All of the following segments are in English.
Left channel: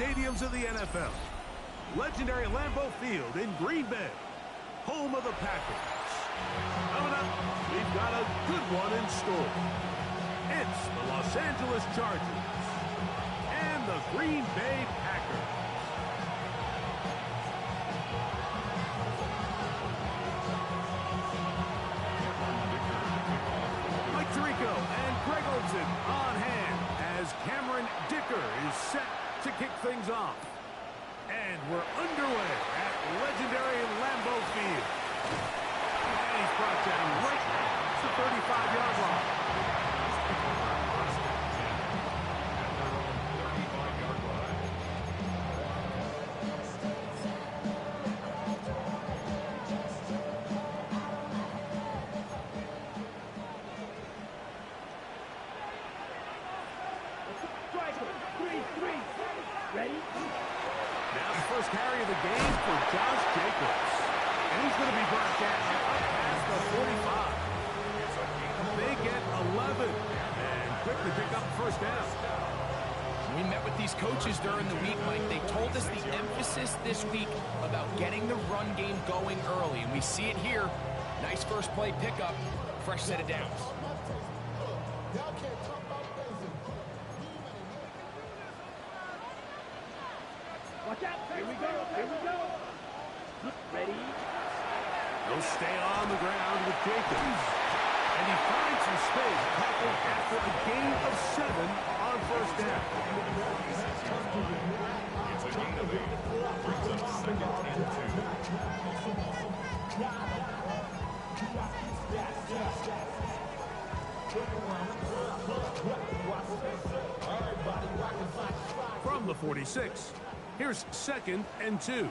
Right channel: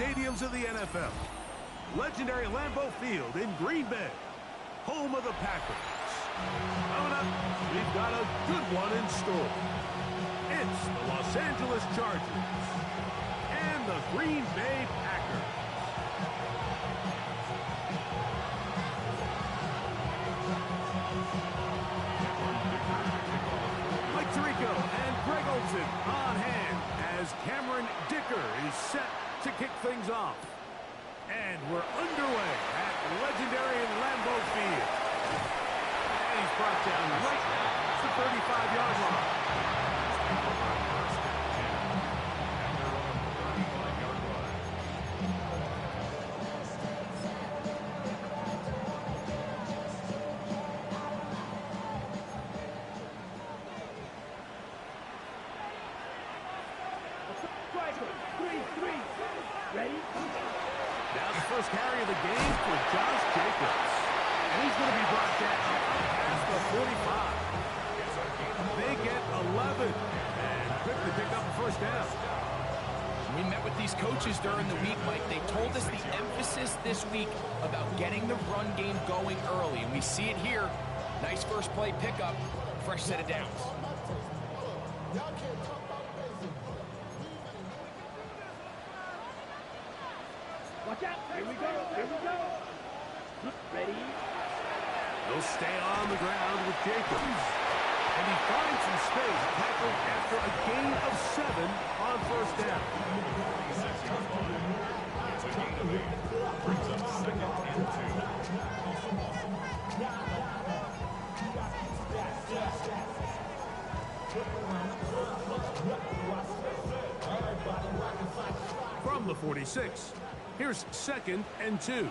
stadiums of the NFL. Legendary Lambeau Field in Green Bay, home of the Packers. Coming up, we've got a good one in store. It's the Los Angeles Chargers and the Green Bay Packers. Mike Tirico and Greg Olsen on hand as Cameron Dicker is set to kick things off. And we're underway at legendary Lambeau Field. And he's brought down right at the 35-yard line. Now the first carry of the game for Josh Jacobs. And he's going to be brought down up past the 45. They get 11 and quickly pick up the first down. We met with these coaches during the week, Mike. They told us the emphasis this week about getting the run game going early, and we see it here. Nice first play pickup, fresh set of downs. Watch out. Here we go. Here we go. Ready? He'll stay on the ground with Jacobs. And he finds some space, tackled after a gain of 7 on first down. It's a gain of 8. Brings up 2nd and 2. From the 46, here's 2nd and 2.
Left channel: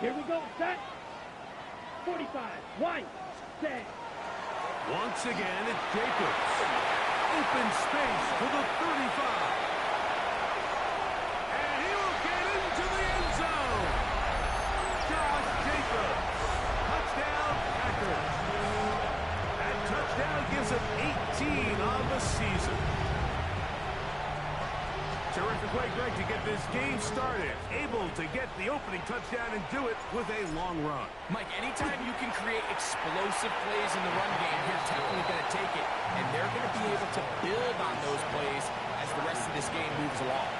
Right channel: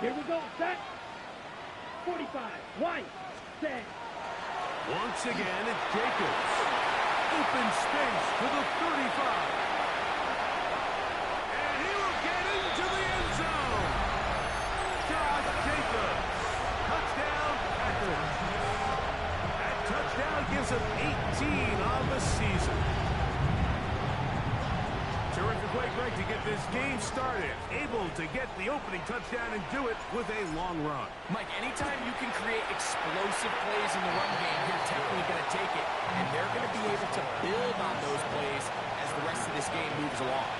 Here we go. Set. 45. White. Set. Once again, it's Jacobs. Open space to the 35. And he will get into the end zone. Josh Jacobs. Touchdown, Packers. That touchdown gives him 18 on the season. Terrific way, Greg, to get this game started. Able to get the opening touchdown and do it with a long run. Mike, anytime you can create explosive plays in the run game, you're definitely going to take it. And they're going to be able to build on those plays as the rest of this game moves along.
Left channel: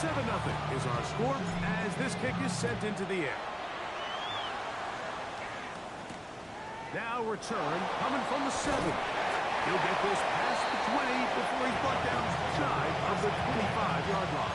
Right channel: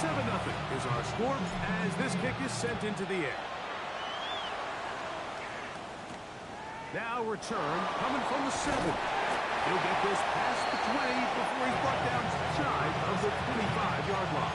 Seven 0 is our score as this kick is sent into the air. Now return coming from the 7. He'll get this past the 20 before he's brought down shy of the 25-yard line.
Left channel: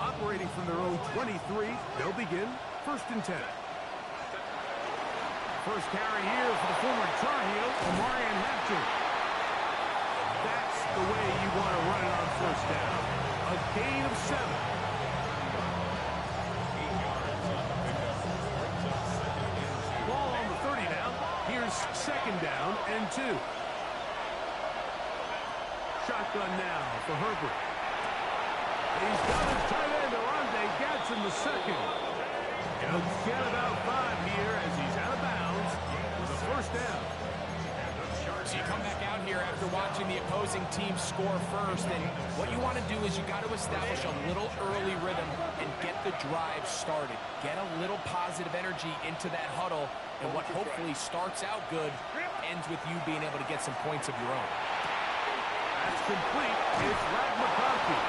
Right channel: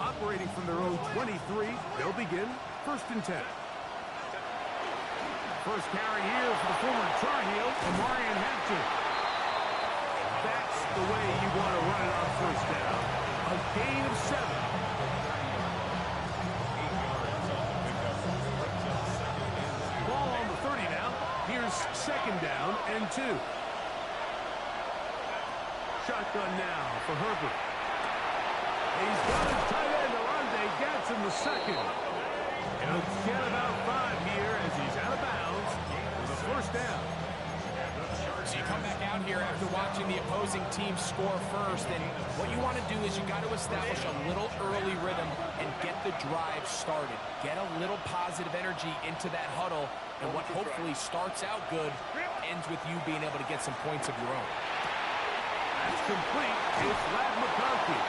Operating from their own 23, they'll begin 1st and 10. First carry here for the former Tar Heel, Omarion Hampton. That's the way you want to run it on first down. A gain of 7. 8 yards on the pickup. Brings up 2nd and 2. Ball on the 30 now. Here's 2nd down and 2. Shotgun now for Herbert. He's got his tight end, Arande Gadsden the second. He'll get about 5 here as he's out of bounds with a first down. So you come back out here after watching the opposing team score first, and what you want to do is you got to establish a little early rhythm and get the drive started. Get a little positive energy into that huddle, and what hopefully starts out good ends with you being able to get some points of your own. That's complete. It's Ladd McConkey.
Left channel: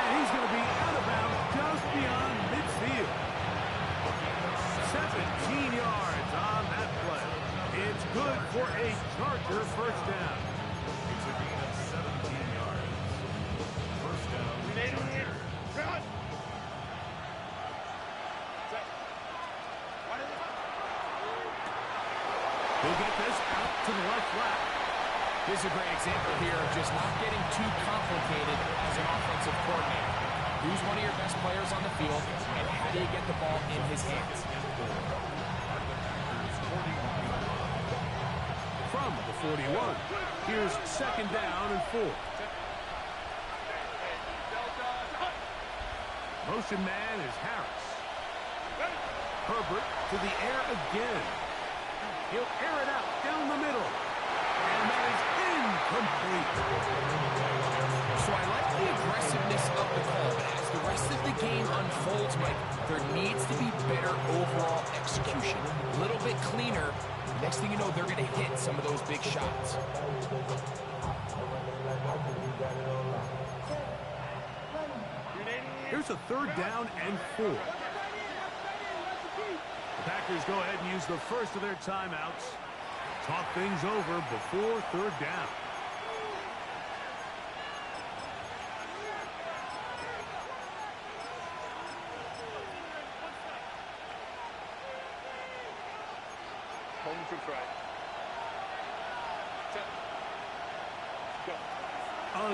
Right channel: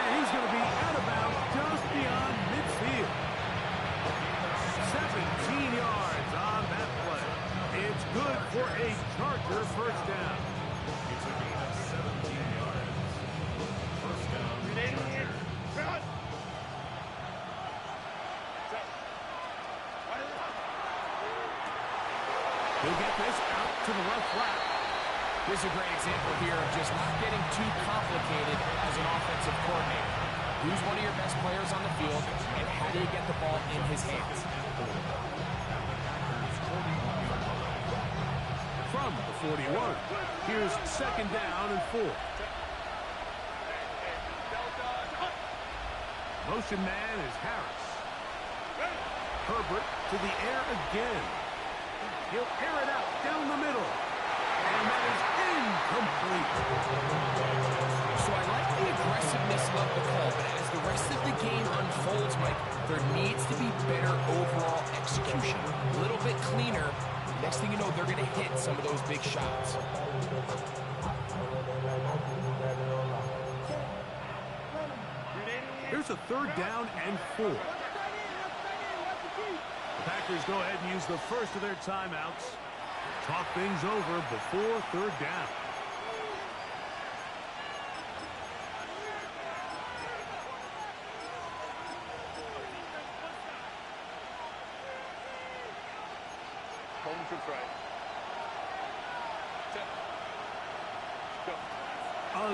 And he's going to be out of bounds just beyond midfield. 17 yards on that play. It's good for a Charger first down. It's a gain of 17 yards. First down, Charger. He'll get this out to the left flat. This is a great example here of just not getting too complicated as an offensive coordinator. Who's one of your best players on the field, and how do you get the ball in his hands? At the Packers 41. Here's second down and 4. Motion man is Harris. Herbert to the air again. He'll air it out down the middle. And that is incomplete. So I like the aggressiveness of the call, but as the rest of the game unfolds, Mike, there needs to be better overall execution. A little bit cleaner. Next thing you know, they're going to hit some of those big shots. Here's a third down and 4. The Packers go ahead and use the first of their timeouts. Talk things over before third down. Home to right.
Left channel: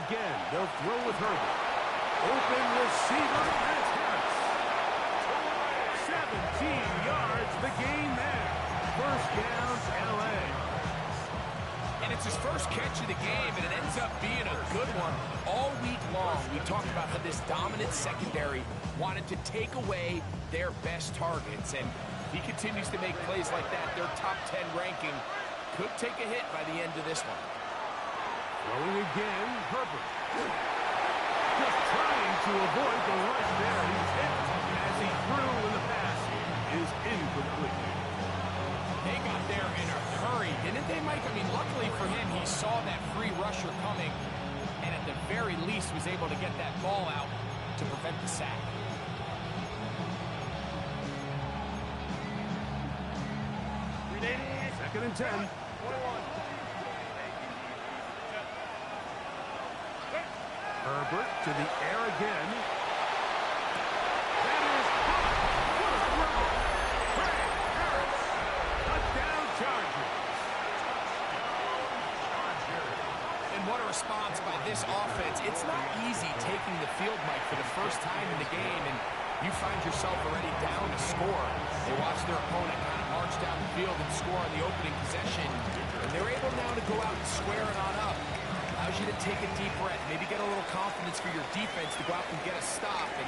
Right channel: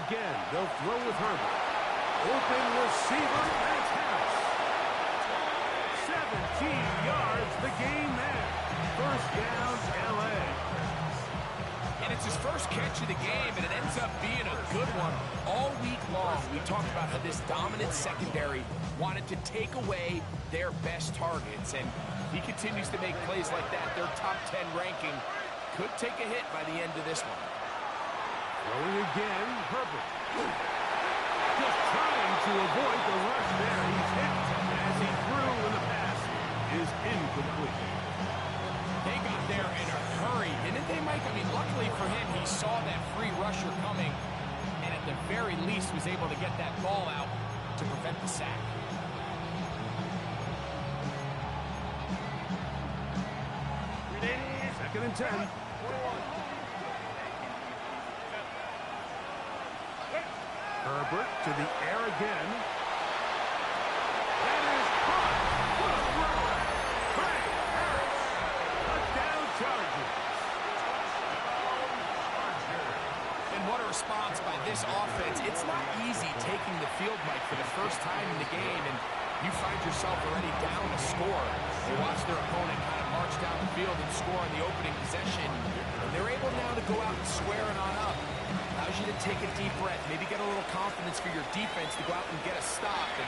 Again, they'll throw with Herbert. Open receiver, and it's Harris. 17 yards, the game there. First down, L.A. And it's his first catch of the game, and it ends up being a good one. All week long, we talked about how this dominant secondary wanted to take away their best targets, and he continues to make plays like that. Their top 10 ranking could take a hit by the end of this one. Throwing again, Herbert. Just trying to avoid the rush there. He's hit as he threw, and the pass is incomplete. They got there in a hurry, didn't they, Mike? I mean, luckily for him, he saw that free rusher coming, and at the very least was able to get that ball out to prevent the sack. Second and 10. Herbert to the air again. That is caught. What a throw. Trey Harris. Touchdown Chargers. And what a response by this offense. It's not easy taking the field, Mike, for the first time in the game, and you find yourself already down a score. They watch their opponent kind of march down the field and score on the opening possession, and they're able now to go out and square it on up. Allows you to take a deep breath, maybe get a little confidence for your defense to go out and get a stop, and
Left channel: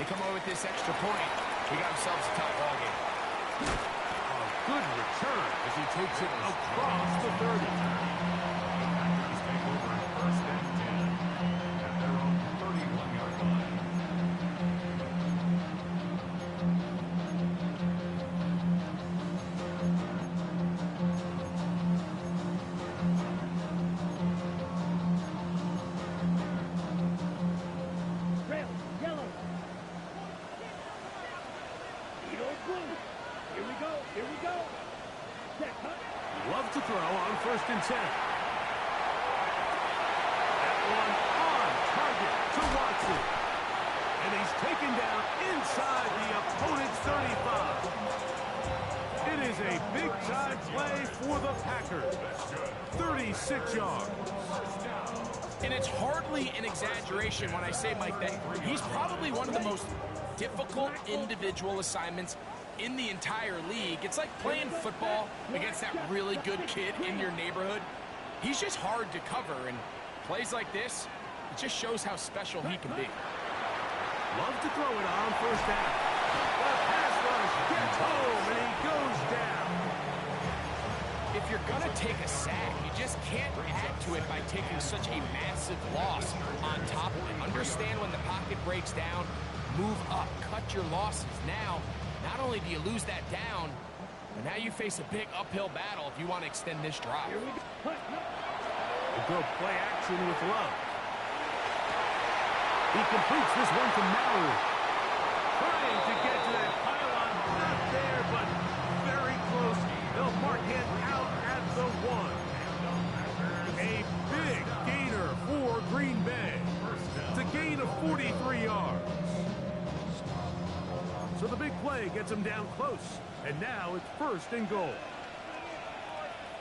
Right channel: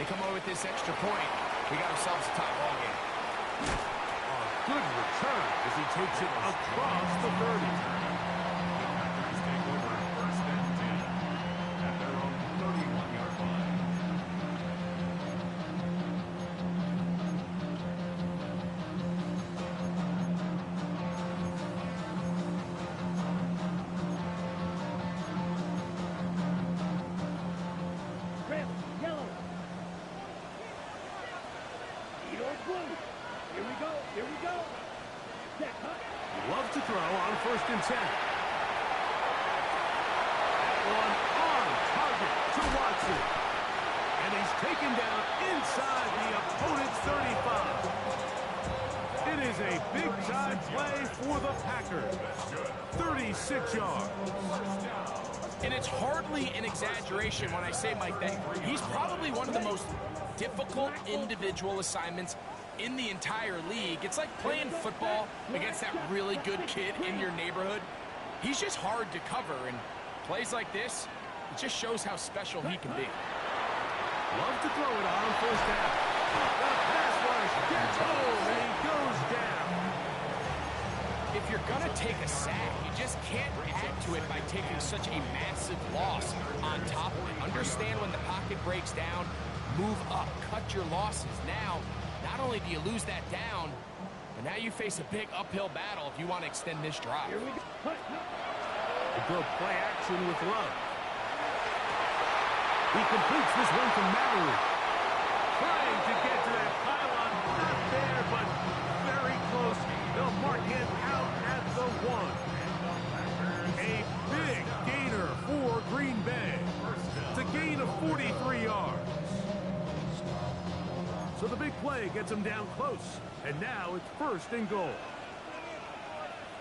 they come away with this extra point. We got ourselves a tie ball game. A good return as he takes it across the 30. The Packers take over first and 10 at their own 31-yard line. Red, yellow. Eagles blue. Here we go. Here we go. That cut. Love to throw on first and 10. That one on target to Watson. And he's taken down inside the opponent's 35. It is a big-time play for the Packers. 36 yards. And it's hardly an exaggeration when I say, Mike, that he's probably one of the most difficult individual assignments in the entire league. It's like playing football against that really good kid in your neighborhood. He's just hard to cover, and plays like this, it just shows how special he can be. Love to throw it on first down. The pass rush gets home, and he goes down. If you're going to take a sack, you just can't add to it by taking such a massive loss on top of it. Understand when the pocket breaks down, move up, cut your losses. Now, not only do you lose that down, but now you face a big uphill battle if you want to extend this drive. Here we go. A good play action with Love. He completes this one to Mallory. Trying to get to that pylon. Not there, but very close. They'll mark him out at the 1. A big gainer for Green Bay. It's a gain of 43 yards. So the big play gets him down close. And now it's first and goal.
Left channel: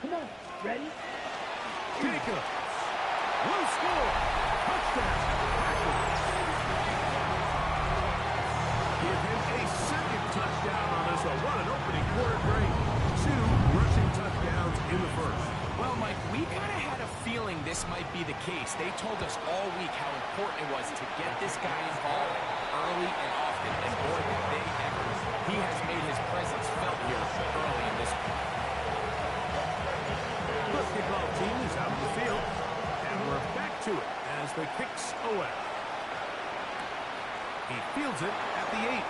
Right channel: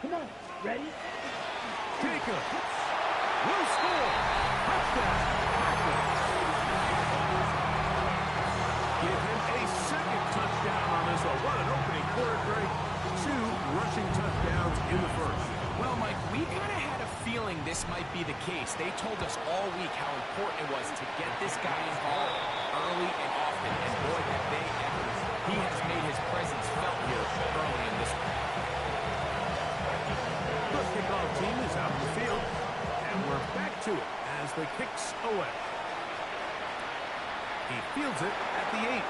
Come on. Ready? Jacobs will score. Touchdown, Packers. Give him a second touchdown on this one. What an opening quarter break. 2 rushing touchdowns in the first. Well, Mike, we kind of had a feeling this might be the case. They told us all week how important it was to get this guy involved early and often. And boy, have they ever. He has made his presence felt here early in this one. The kickoff team is out in the field, and we're back to it as the kick's away. He fields it at the 8.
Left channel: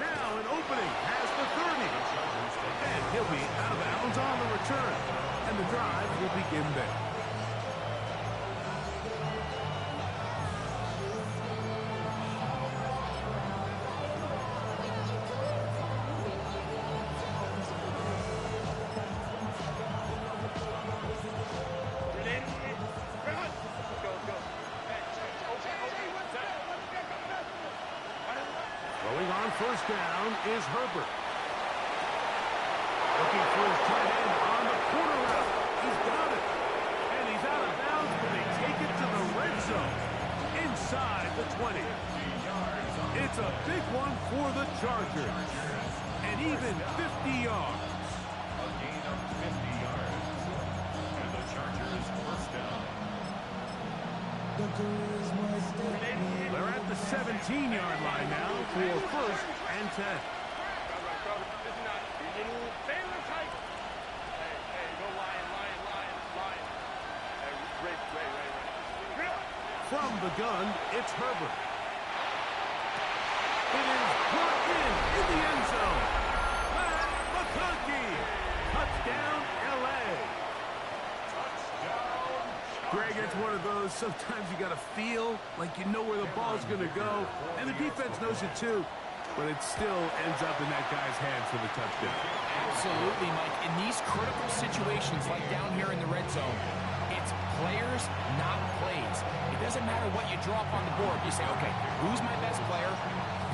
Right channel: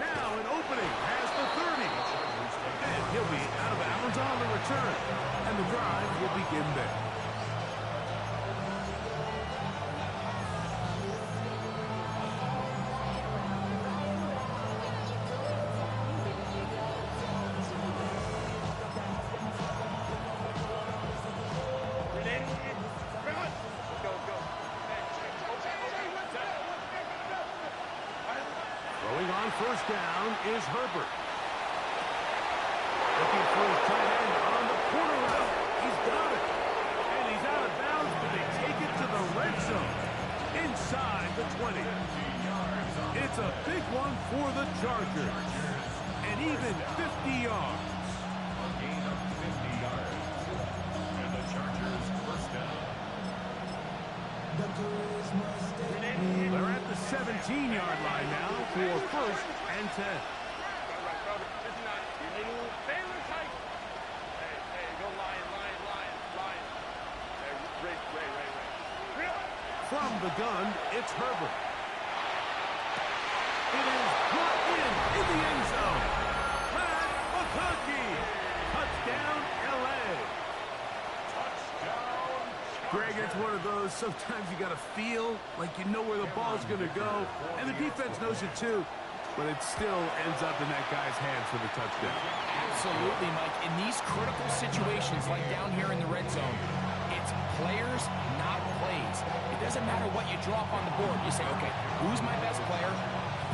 Now an opening has the 30. And he'll be out of bounds on the return. And the drive will begin there. Throwing on first down is Herbert. Looking for his tight end on the corner route. He's got it. And he's out of bounds, but they take it to the red zone. Inside the 20. It's a big one for the Chargers. And even 50 yards. A gain of 50 yards. And the Chargers first down. They're at the 17-yard line now for first and 10. From the gun, it's Herbert. It is brought in the end zone. Matt McConkey. Touchdown, L.A. Greg, it's one of those, sometimes you got to feel like you know where the ball's going to go, and the defense knows it too, but it still ends up in that guy's hands for the touchdown. Absolutely, Mike. In these critical situations, like down here in the red zone, it's players, not plays. It doesn't matter what you draw up on the board. You say, okay, who's my best player?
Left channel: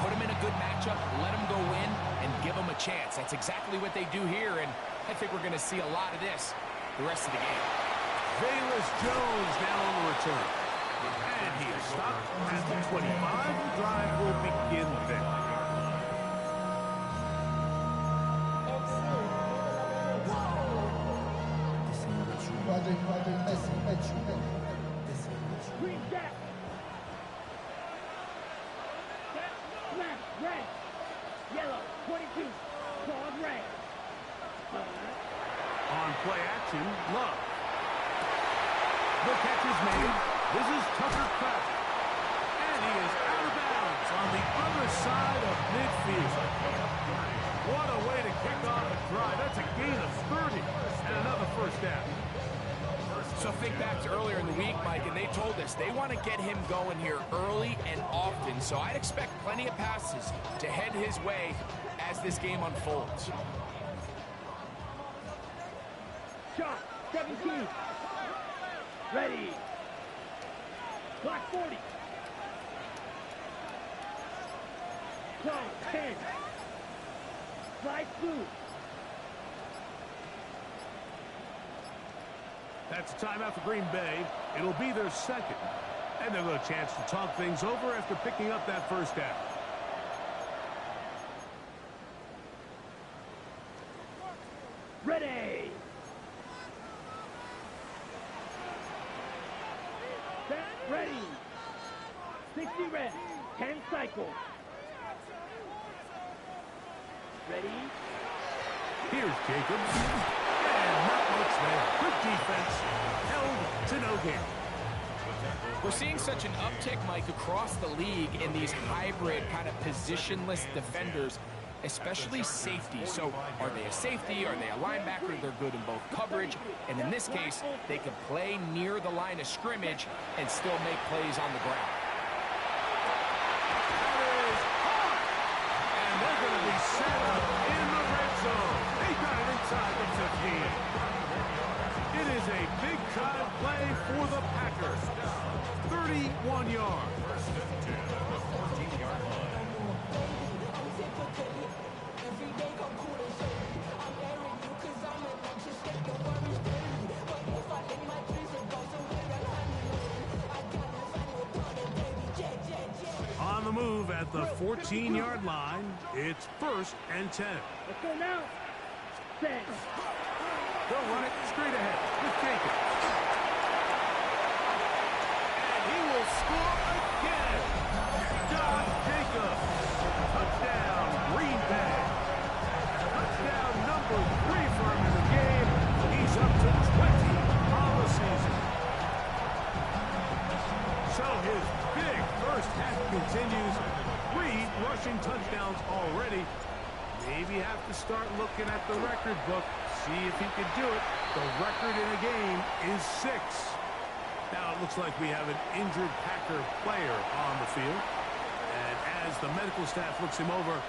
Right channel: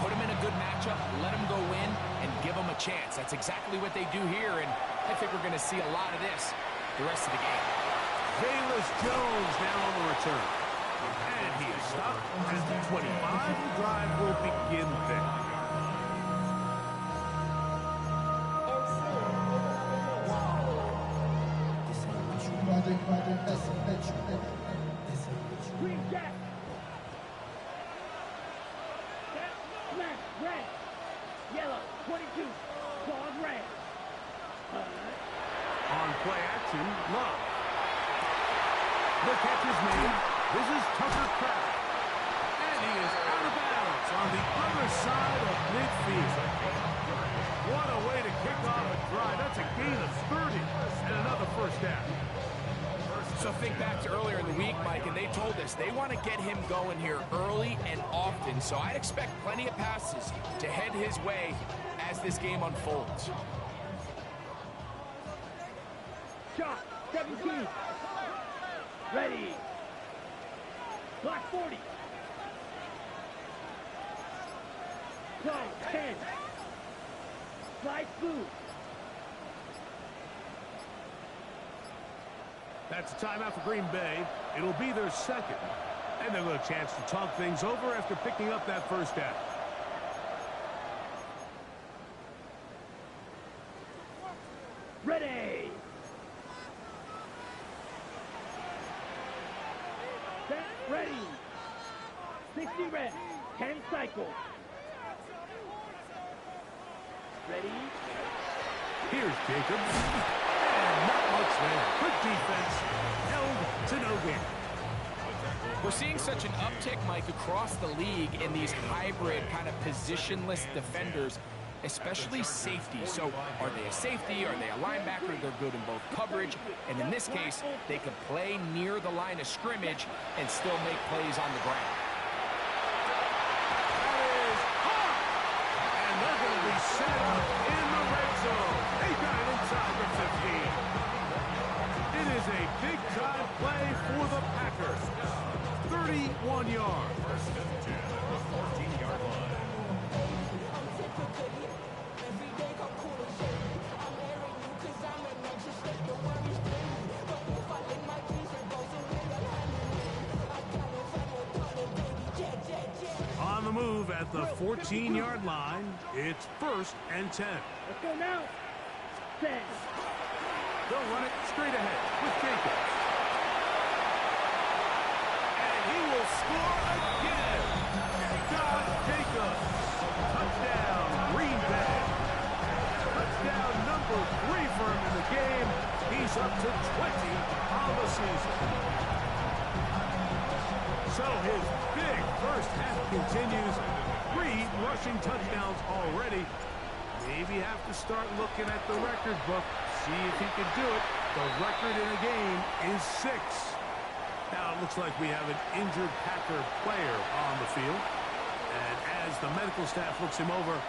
Put him in a good matchup, let him go in, and give him a chance. That's exactly what they do here, and I think we're going to see a lot of this the rest of the game. Velus Jones now on the return. And he is stopped at the 25. The drive will begin there. Green Jack. Smash, red. Yellow, 22. Claws, red. On play action, Love. The catch is made. This is Tucker Kraft. And he is out of bounds on the other side of midfield. What a way to kick off a drive. That's a gain of 30 and another first down. So think back to earlier in the week, Mike, and they told us they want to get him going here early and often. So I'd expect plenty of passes to head his way as this game unfolds. Shot, 17. Ready. Clock 40. Clock 10. Slide through. That's a timeout for Green Bay. It'll be their second. And they'll get a chance to talk things over after picking up that first down. Ready. Set, ready. 60 reps. 10 cycles. Ready. Here's Jacobs. And not much there. Good defense. Held to no gain. We're seeing such an uptick, Mike, across the league in these hybrid kind of positionless defenders, especially safety. So are they a safety? Are they a linebacker? They're good in both coverage. And in this case, they can play near the line of scrimmage and still make plays on the ground. That is hot. And they're going to be set up in the red zone. They got it inside the 15. It is a big-time play for the Packers. 31 yards. First and 10 at the 14-yard line. On the move at the 14-yard line, it's first and 10. Let's go now. Set. They'll run it straight ahead with Jacobs. And he will score again. Josh Jacobs. Touchdown, Green Bay. Touchdown number 3 for him in the game. He's up to 20 on the season. So his big first half continues. 3 rushing touchdowns already. Maybe have to start looking at the record book. See if he can do it. The record in a game is 6. Now it looks like we have an injured Packer player on the field. And as the medical staff looks him over,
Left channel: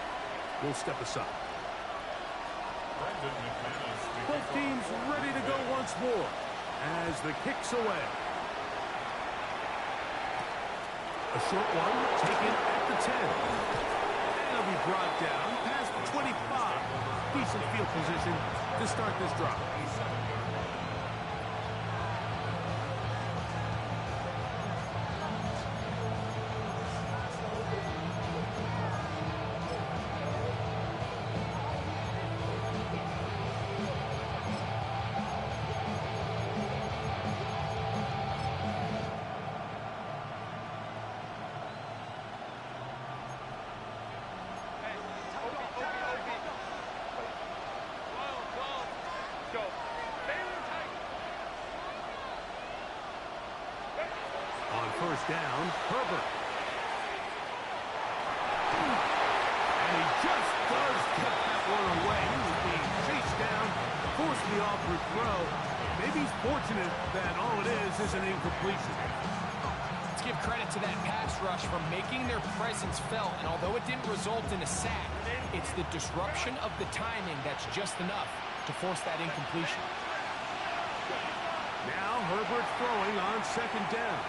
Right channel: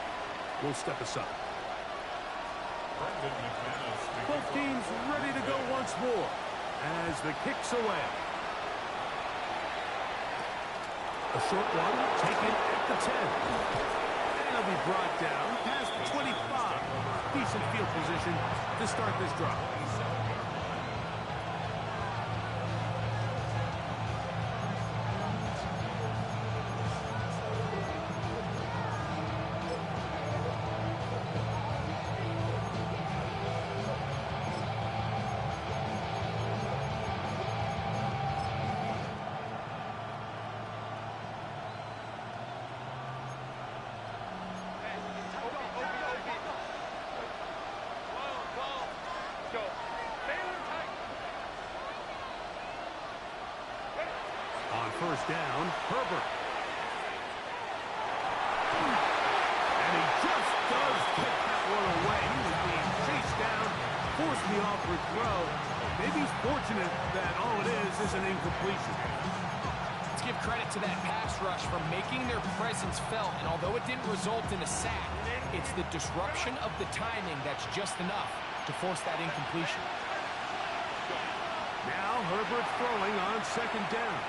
we'll step aside. Both teams ready to go once more as the kick's away. A short one taken at the 10. And it'll be brought down past the 25. Decent field position to start this drive. On first down, Herbert. And he just does get that one away. He was being chased down, forced the awkward throw. Maybe he's fortunate that all it is an incompletion. Let's give credit to that pass rush for making their presence felt. And although it didn't result in a sack, it's the disruption of the timing that's just enough to force that incompletion. Now Herbert's throwing on second down.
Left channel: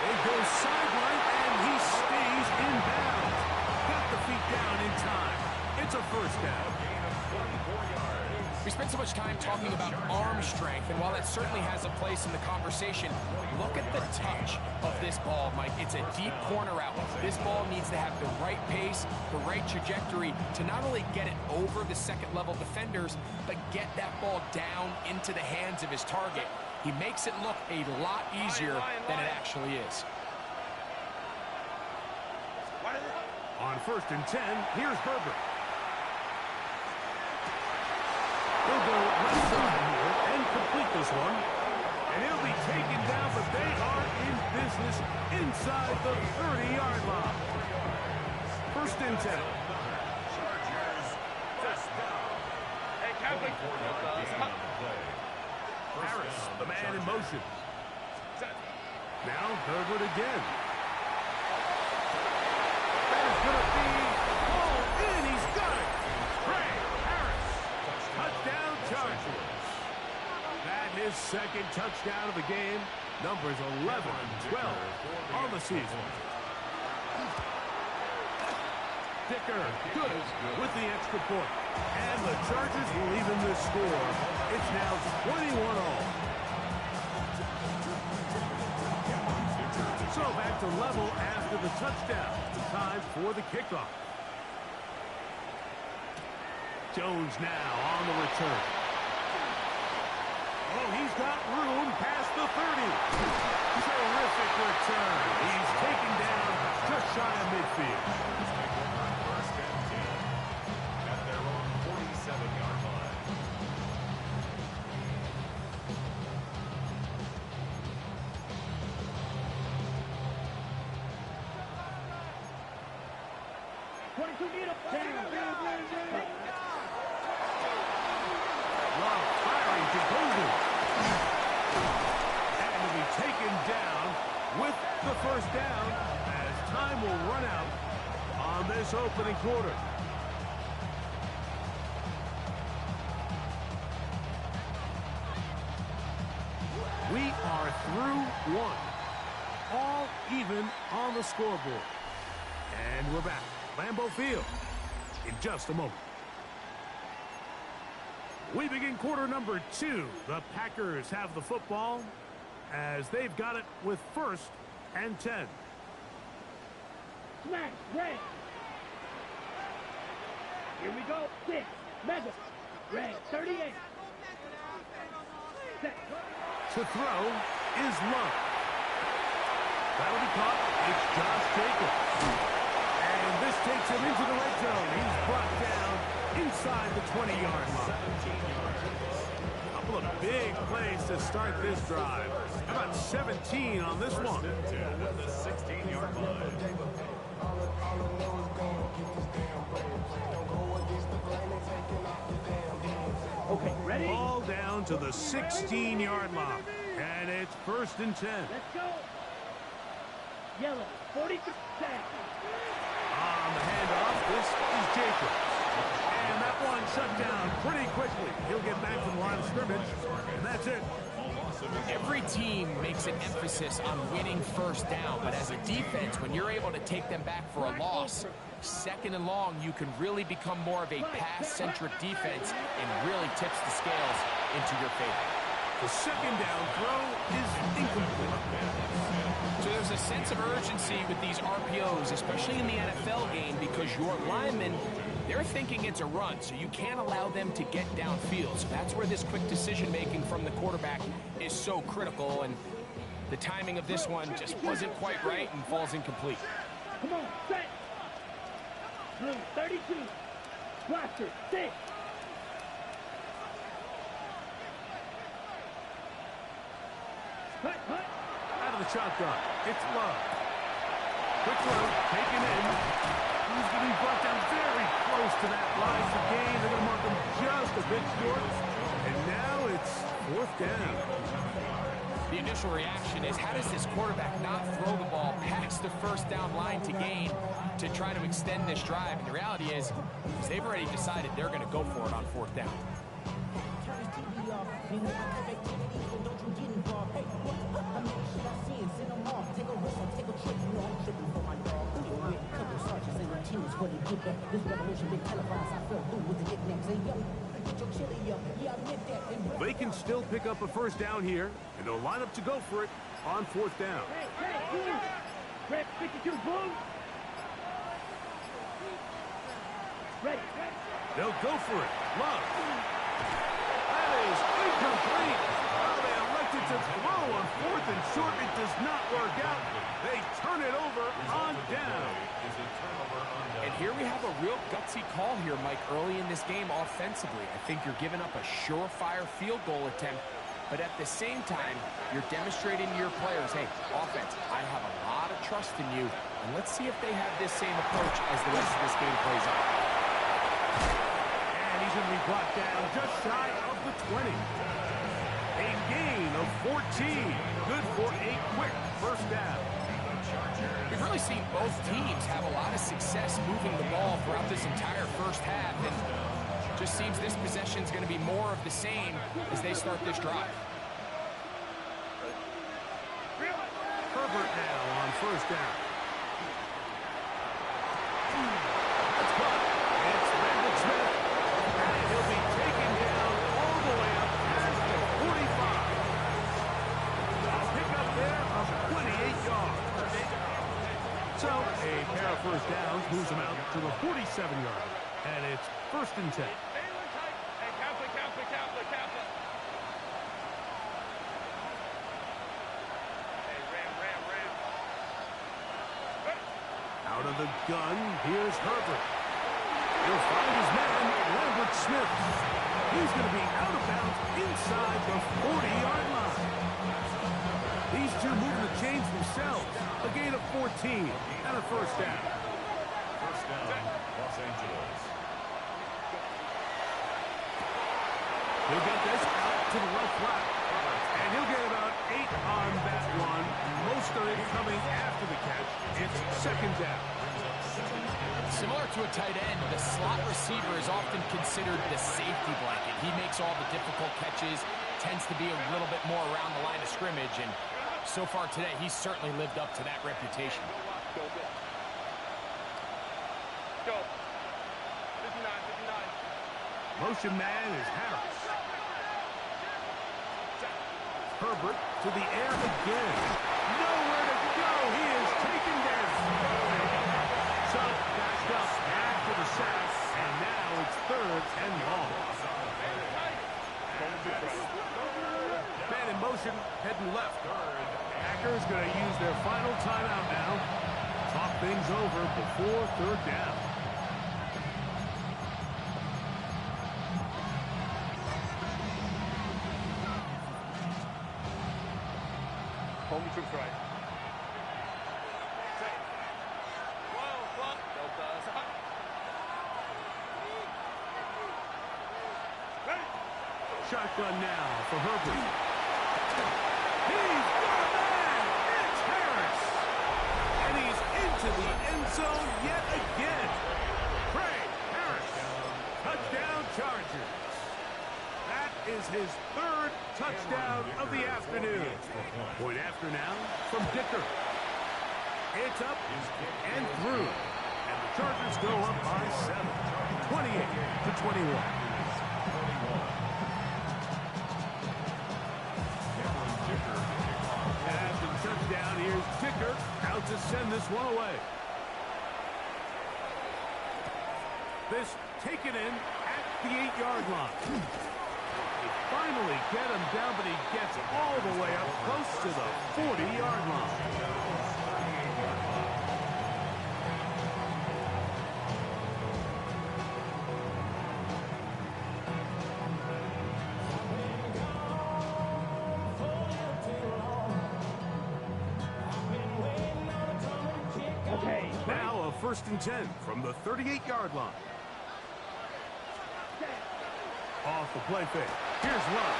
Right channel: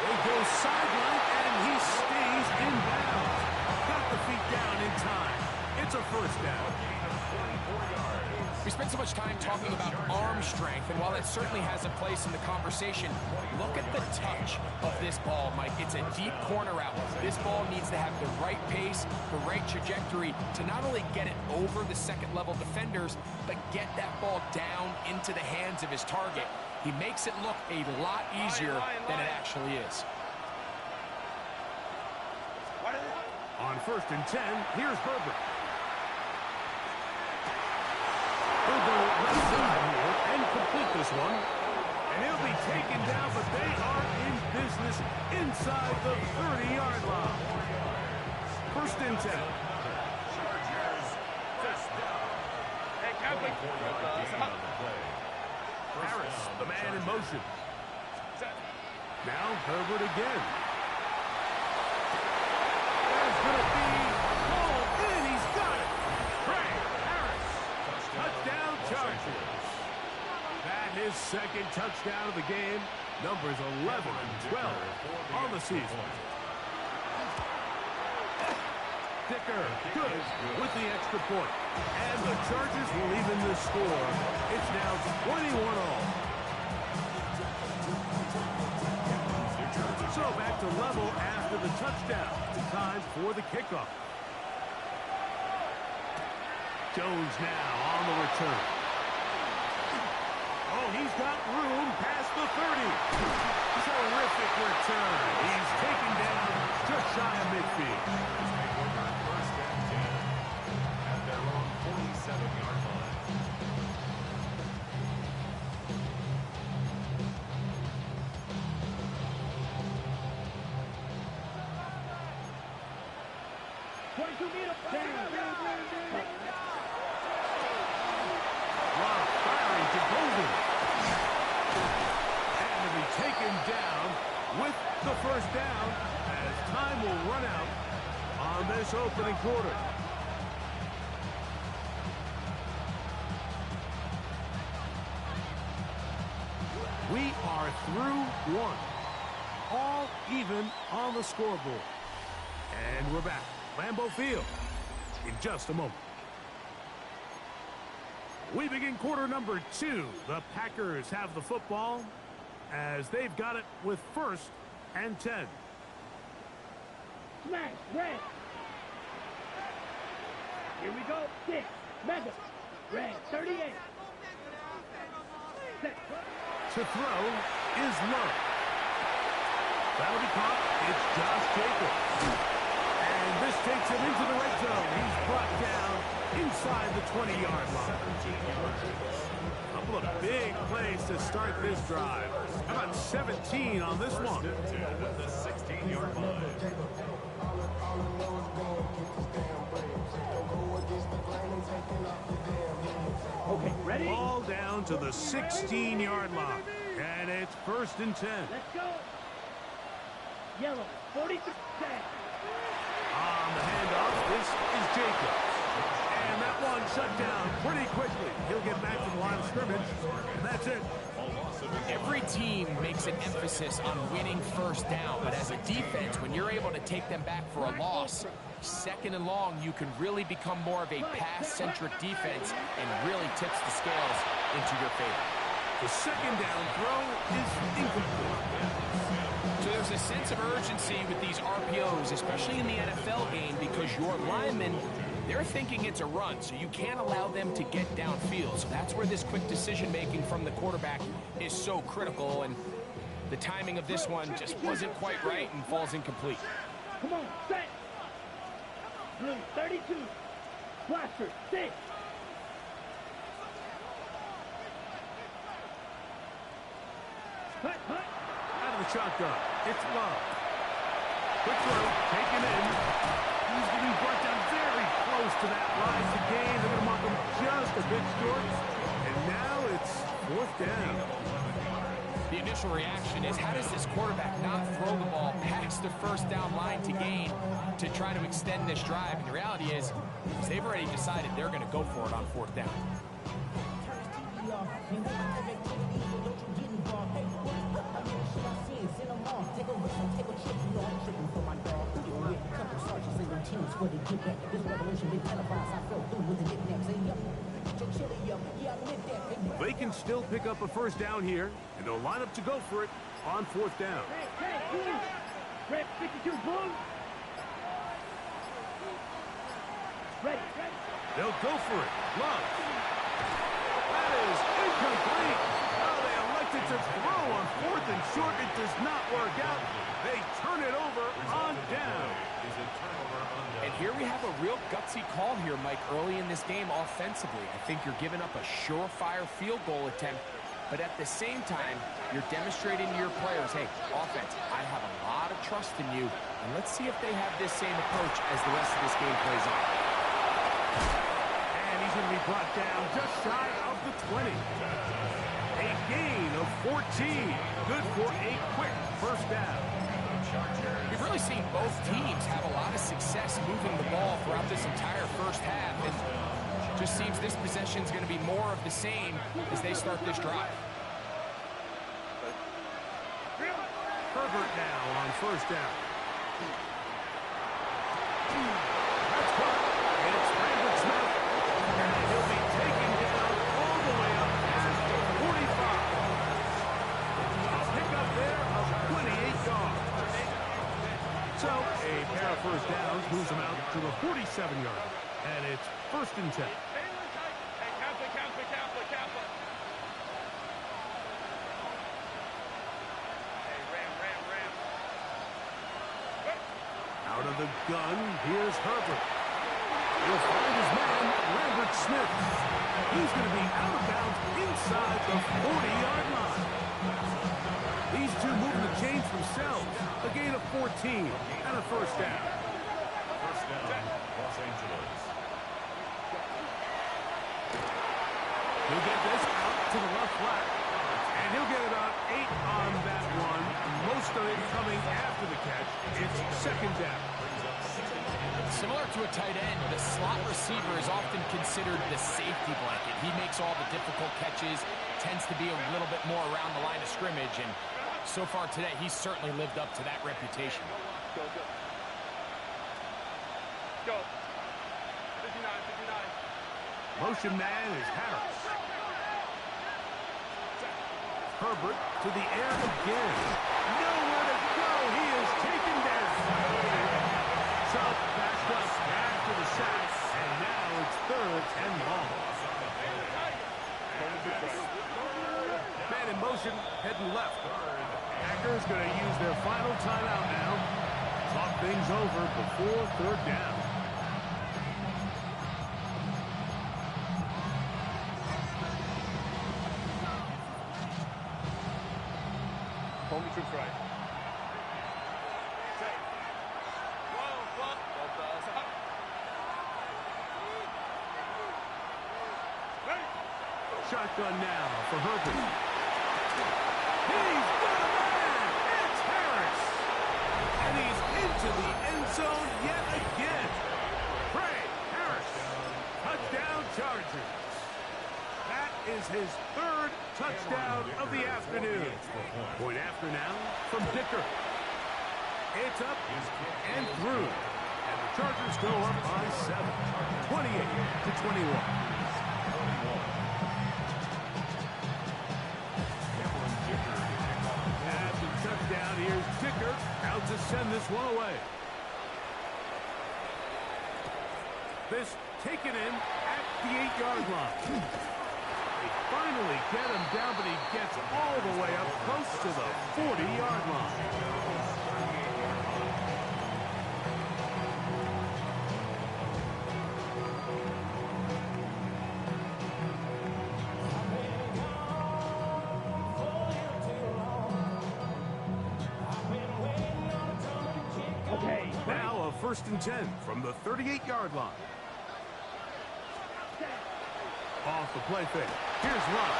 They go sideline, and he stays in bounds. Got the feet down in time. It's a first down. A gain of 24 yards. We spent so much time talking about arm strength, and while that certainly has a place in the conversation, look at the touch of this ball, Mike. It's a deep corner route. This ball needs to have the right pace, the right trajectory to not only get it over the second-level defenders, but get that ball down into the hands of his target. He makes it look a lot easier than it actually is. On first and 10, here's Herbert. He'll go left side here and complete this one. And he'll be taken down, but they are in business inside the 30-yard line. First and 10. Chargers, first down. Hey, Catholic. Harris, the man in motion. Now Herbert again. That is going to be called in. He's got it. Trey Harris. Touchdown Chargers. That his second touchdown of the game. Numbers 11 and 12 on the season. Dicker, good with the extra point. And the Chargers will even this score. It's now 21-all. So back to level after the touchdown. Time for the kickoff. Jones now on the return. Oh, he's got room past the 30. Terrific return. He's taken down just shy of midfield. First and 10 at their own 47-yard line. Rob firing to Golden. And to be taken down with the first down as time will run out on this opening quarter. We are through one. All even on the scoreboard. And we're back. Lambeau Field in just a moment. We begin quarter number 2. The Packers have the football as they've got it with first and 10. Smash, red. Here we go. 6. Mega. Red 38. Set. To throw is Love. That'll be caught. It's Josh Jacobs. And this takes him into the red zone. He's brought down inside the 20-yard line. 17 yards. Couple of big plays to start this drive. How about 17 on this one? First and 10 at the 16-yard line. Okay, ready? Ball down to the 16-yard line. And it's first and 10. Let's go. Yellow 43. On the handoff, this is Jacobs. And that one shut down pretty quickly. He'll get back to the line of scrimmage, and that's it. Every team makes an emphasis on winning first down, but as a defense, when you're able to take them back for a loss, second and long, you can really become more of a pass-centric defense and really tips the scales into your favor. The second down throw is incomplete. So there's a sense of urgency with these RPOs, especially in the NFL game, because your linemen, they're thinking it's a run, so you can't allow them to get downfield. So that's where this quick decision-making from the quarterback is so critical, and the timing of this one just wasn't quite right and falls incomplete. Come on, set. Blue 32. Blaster 6. Hut, hut. Out of the shotgun, it's Love. Quick throw, taken in. He's going to be brought down very close to that line to gain. They're going to mark him just a bit short. And now it's fourth down. The initial reaction is, how does this quarterback not throw the ball past the first down line to gain to try to extend this drive? And the reality is they've already decided they're going to go for it on fourth down. They can still pick up a first down here, and they'll line up to go for it on fourth down. Hey, blue. Red 52, blue. Ready. They'll go for it. Love. That is incomplete. Oh, they elected to throw on fourth and short. It does not work out. They turn it over on down. And here we have a real gutsy call here, Mike, early in this game offensively. I think you're giving up a surefire field goal attempt, but at the same time, you're demonstrating to your players, hey, offense, I have a lot of trust in you, and let's see if they have this same approach as the rest of this game plays on. And he's going to be brought down just shy of the 20. A gain of 14. Good for a quick first down. We've really seen both teams have a lot of success moving the ball throughout this entire first half, and it just seems this possession is going to be more of the same as they start this drive. Herbert now on first down. That's caught. It's Lambert Smith, and he'll be taken down all the way up past the 45. A pickup there of 28 yards. So a pair of first downs moves them out to the 47-yard. And it's first and 10. Out of the gun, here's Herbert. He'll find his man, Lambert Smith. He's going to be out of bounds inside the 40-yard line. These two moving the chains themselves. A gain of 14 and a first down. First down, Los Angeles. He'll get this out to the left flat. And he'll get about 8 on that one. Most of it coming after the catch. It's second down. Similar to a tight end, the slot receiver is often considered the safety blanket. He makes all the difficult catches, tends to be a little bit more around the line of scrimmage, and so far today, he's certainly lived up to that reputation. Go. 59. Motion man is Harris. Herbert to the air again. Nowhere to go. He is taken down. So backed up after the sack, and now it's third and long. motion, heading left. Packers going to use their final timeout now. Talk things over before third down. Home troops right. Shotgun now for Herbert. He's got a man! It's Harris! And he's into the end zone yet again. Harris. Touchdown Chargers. That is his third touchdown of the afternoon. Point after now from Dicker. It's up and through. And the Chargers go up by 7. 28-21. After touchdown, here's Dicker out to send this one away. This taken in at the 8-yard line. They finally get him down, but he gets all the way up close to the 40-yard line. Okay. Now a 1st and 10 from the 38-yard line. Off the play fake. Here's Love.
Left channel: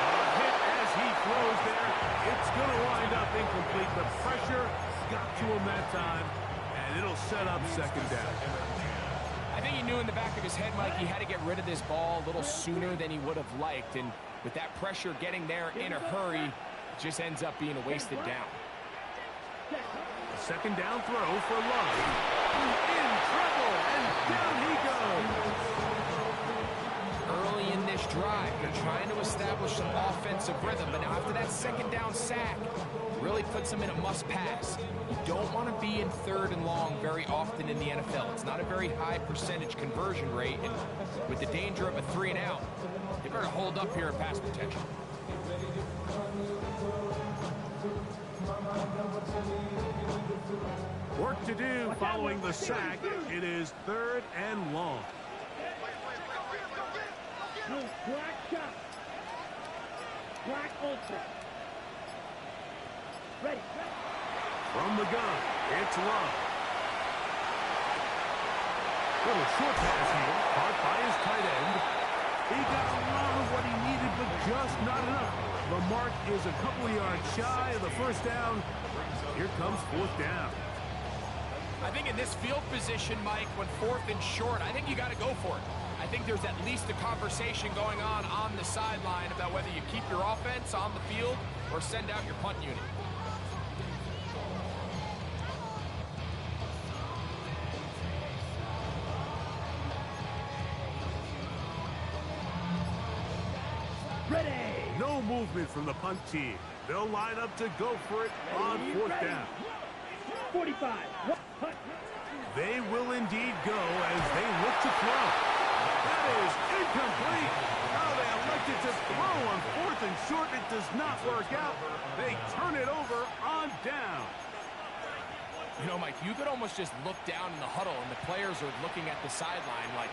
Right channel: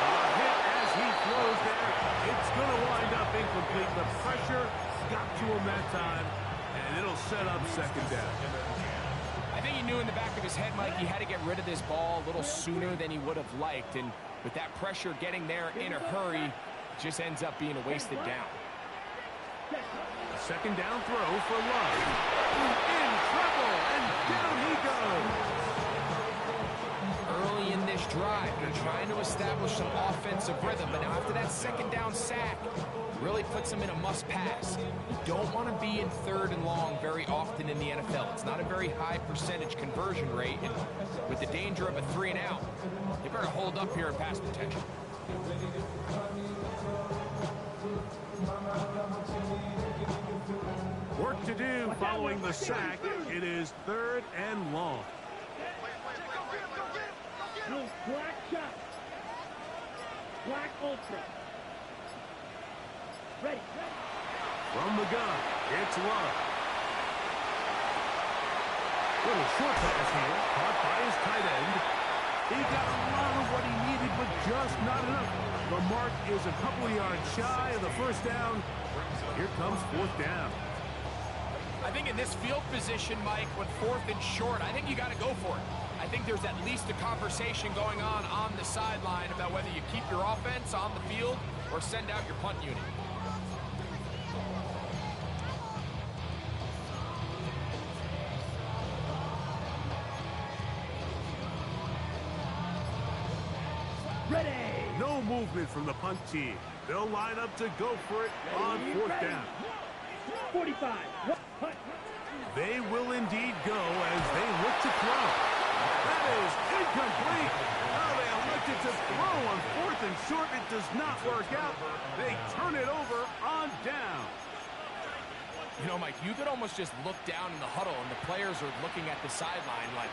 A hit as he throws there. It's going to wind up incomplete. The pressure got to him that time, and it'll set up 2nd down. I think he knew in the back of his head, Mike, he had to get rid of this ball a little sooner than he would have liked. And with that pressure getting there in a hurry, it just ends up being a wasted down. A 2nd down throw for Love. In trouble, and down he goes. Early in this drive, they're trying to establish some offensive rhythm, but now after that 2nd down sack, really puts them in a must-pass. You don't want to be in 3rd and long very often in the NFL. It's not a very high percentage conversion rate, and with the danger of a 3-and-out, they better hold up here in pass protection. Work to do following the sack. It is 3rd and long. Black shot. Black ultra. Ready. From the gun, it's Love. Little short pass here, caught by his tight end. He got a lot of what he needed, but just not enough. The mark is a couple of yards shy of the 1st down. Here comes 4th down. I think in this field position, Mike, when 4th and short, I think you got to go for it. I think there's at least a conversation going on the sideline about whether you keep your offense on the field or send out your punt unit. Ready. No movement from the punt team. They'll line up to go for it on 4th down. 45. Punt. They will indeed go as they look to throw. That is incomplete. Oh, they elected to throw on 4th and short. It does not work out. They turn it over on down. You know, Mike, you could almost just look down in the huddle and the players are looking at the sideline like,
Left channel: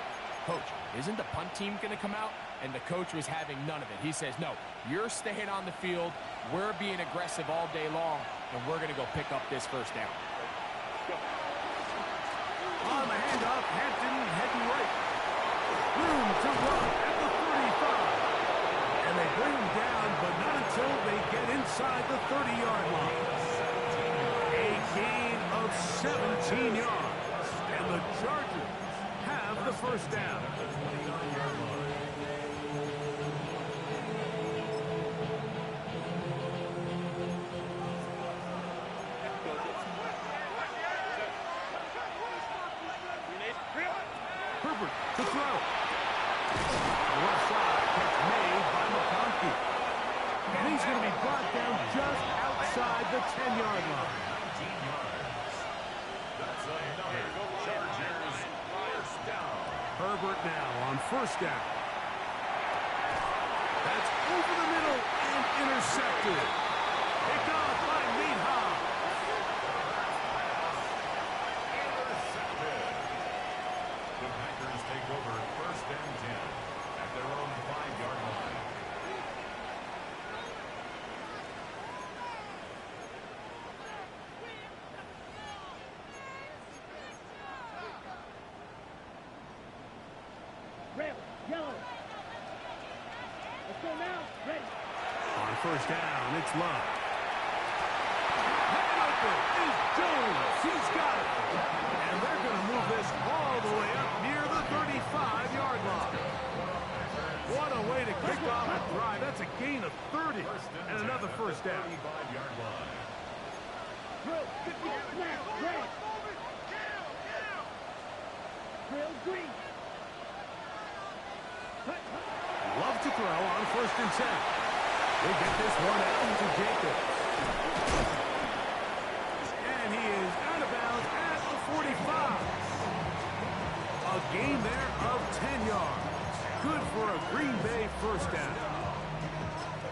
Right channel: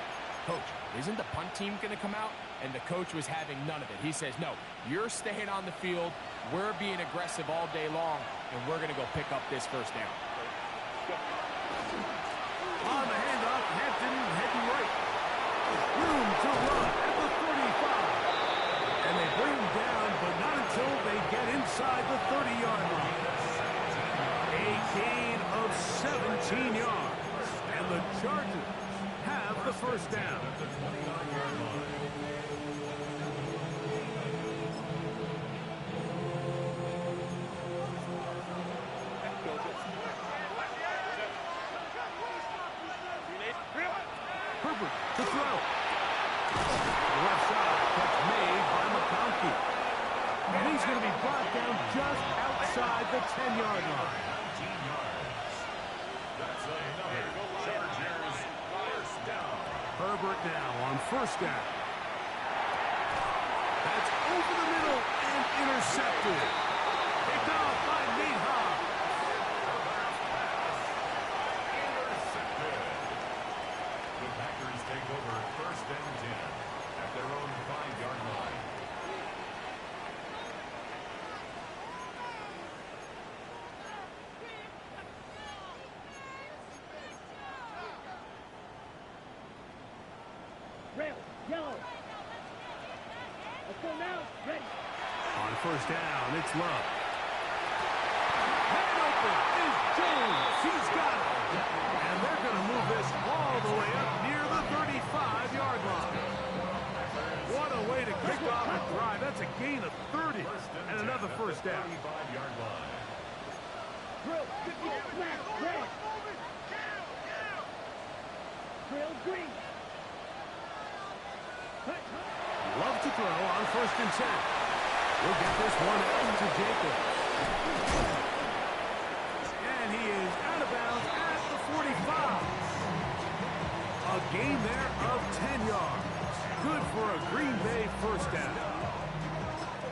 Coach, isn't the punt team going to come out? And the coach was having none of it. He says, no, you're staying on the field. We're being aggressive all day long, and we're going to go pick up this 1st down. On the handoff, Hampton heading right. Room to run at the 35. And they bring him down, but not until they get inside the 30-yard line. A gain of 17 yards. And the Chargers have the 1st down. Herbert to throw. The left side catch made by McConkey. And he's going to be brought down just outside the 10-yard line. 19 yards. That's another Chargers 1st down. Herbert now on 1st down. That's over the middle, And intercepted. Picked off by Neha. Intercepted. The Packers take over 1st and 10 at their own 5-yard line. Rail, yellow. Let's go now. Ready. On 1st down, it's Love. Man open is Jones. He's got it. And they're going to move this all the way up near the 35-yard line. What a way to kick off a drive. That's a gain of 30 and another 1st down. 35-yard line. Drill, 50, smash, red. Drill, green. Hut, hut. Love to throw on 1st and 10. We'll get this one out to Jacobs. And he is out of bounds at the 45. A gain there of 10 yards. Good for a Green Bay 1st down.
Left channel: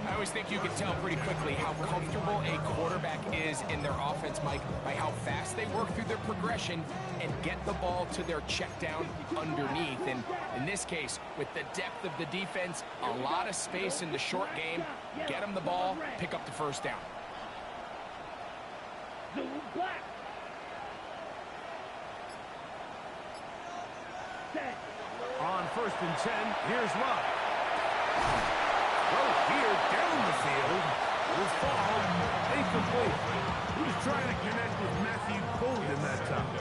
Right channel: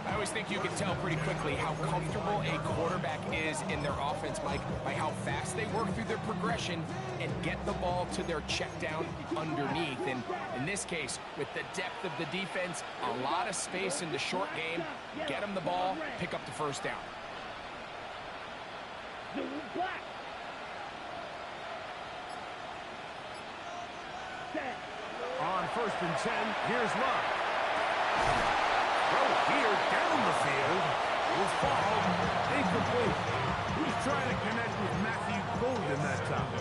I always think you can tell pretty quickly how comfortable a quarterback is in their offense, Mike, by how fast they work through their progression and get the ball to their check down underneath. And in this case, with the depth of the defense, a lot of space in the short game, get them the ball, pick up the 1st down. Blue, black. Set. On 1st and 10, here's Love. Throw here down the field. Will fall. Incomplete. He's trying to connect with Matthew Golden that time.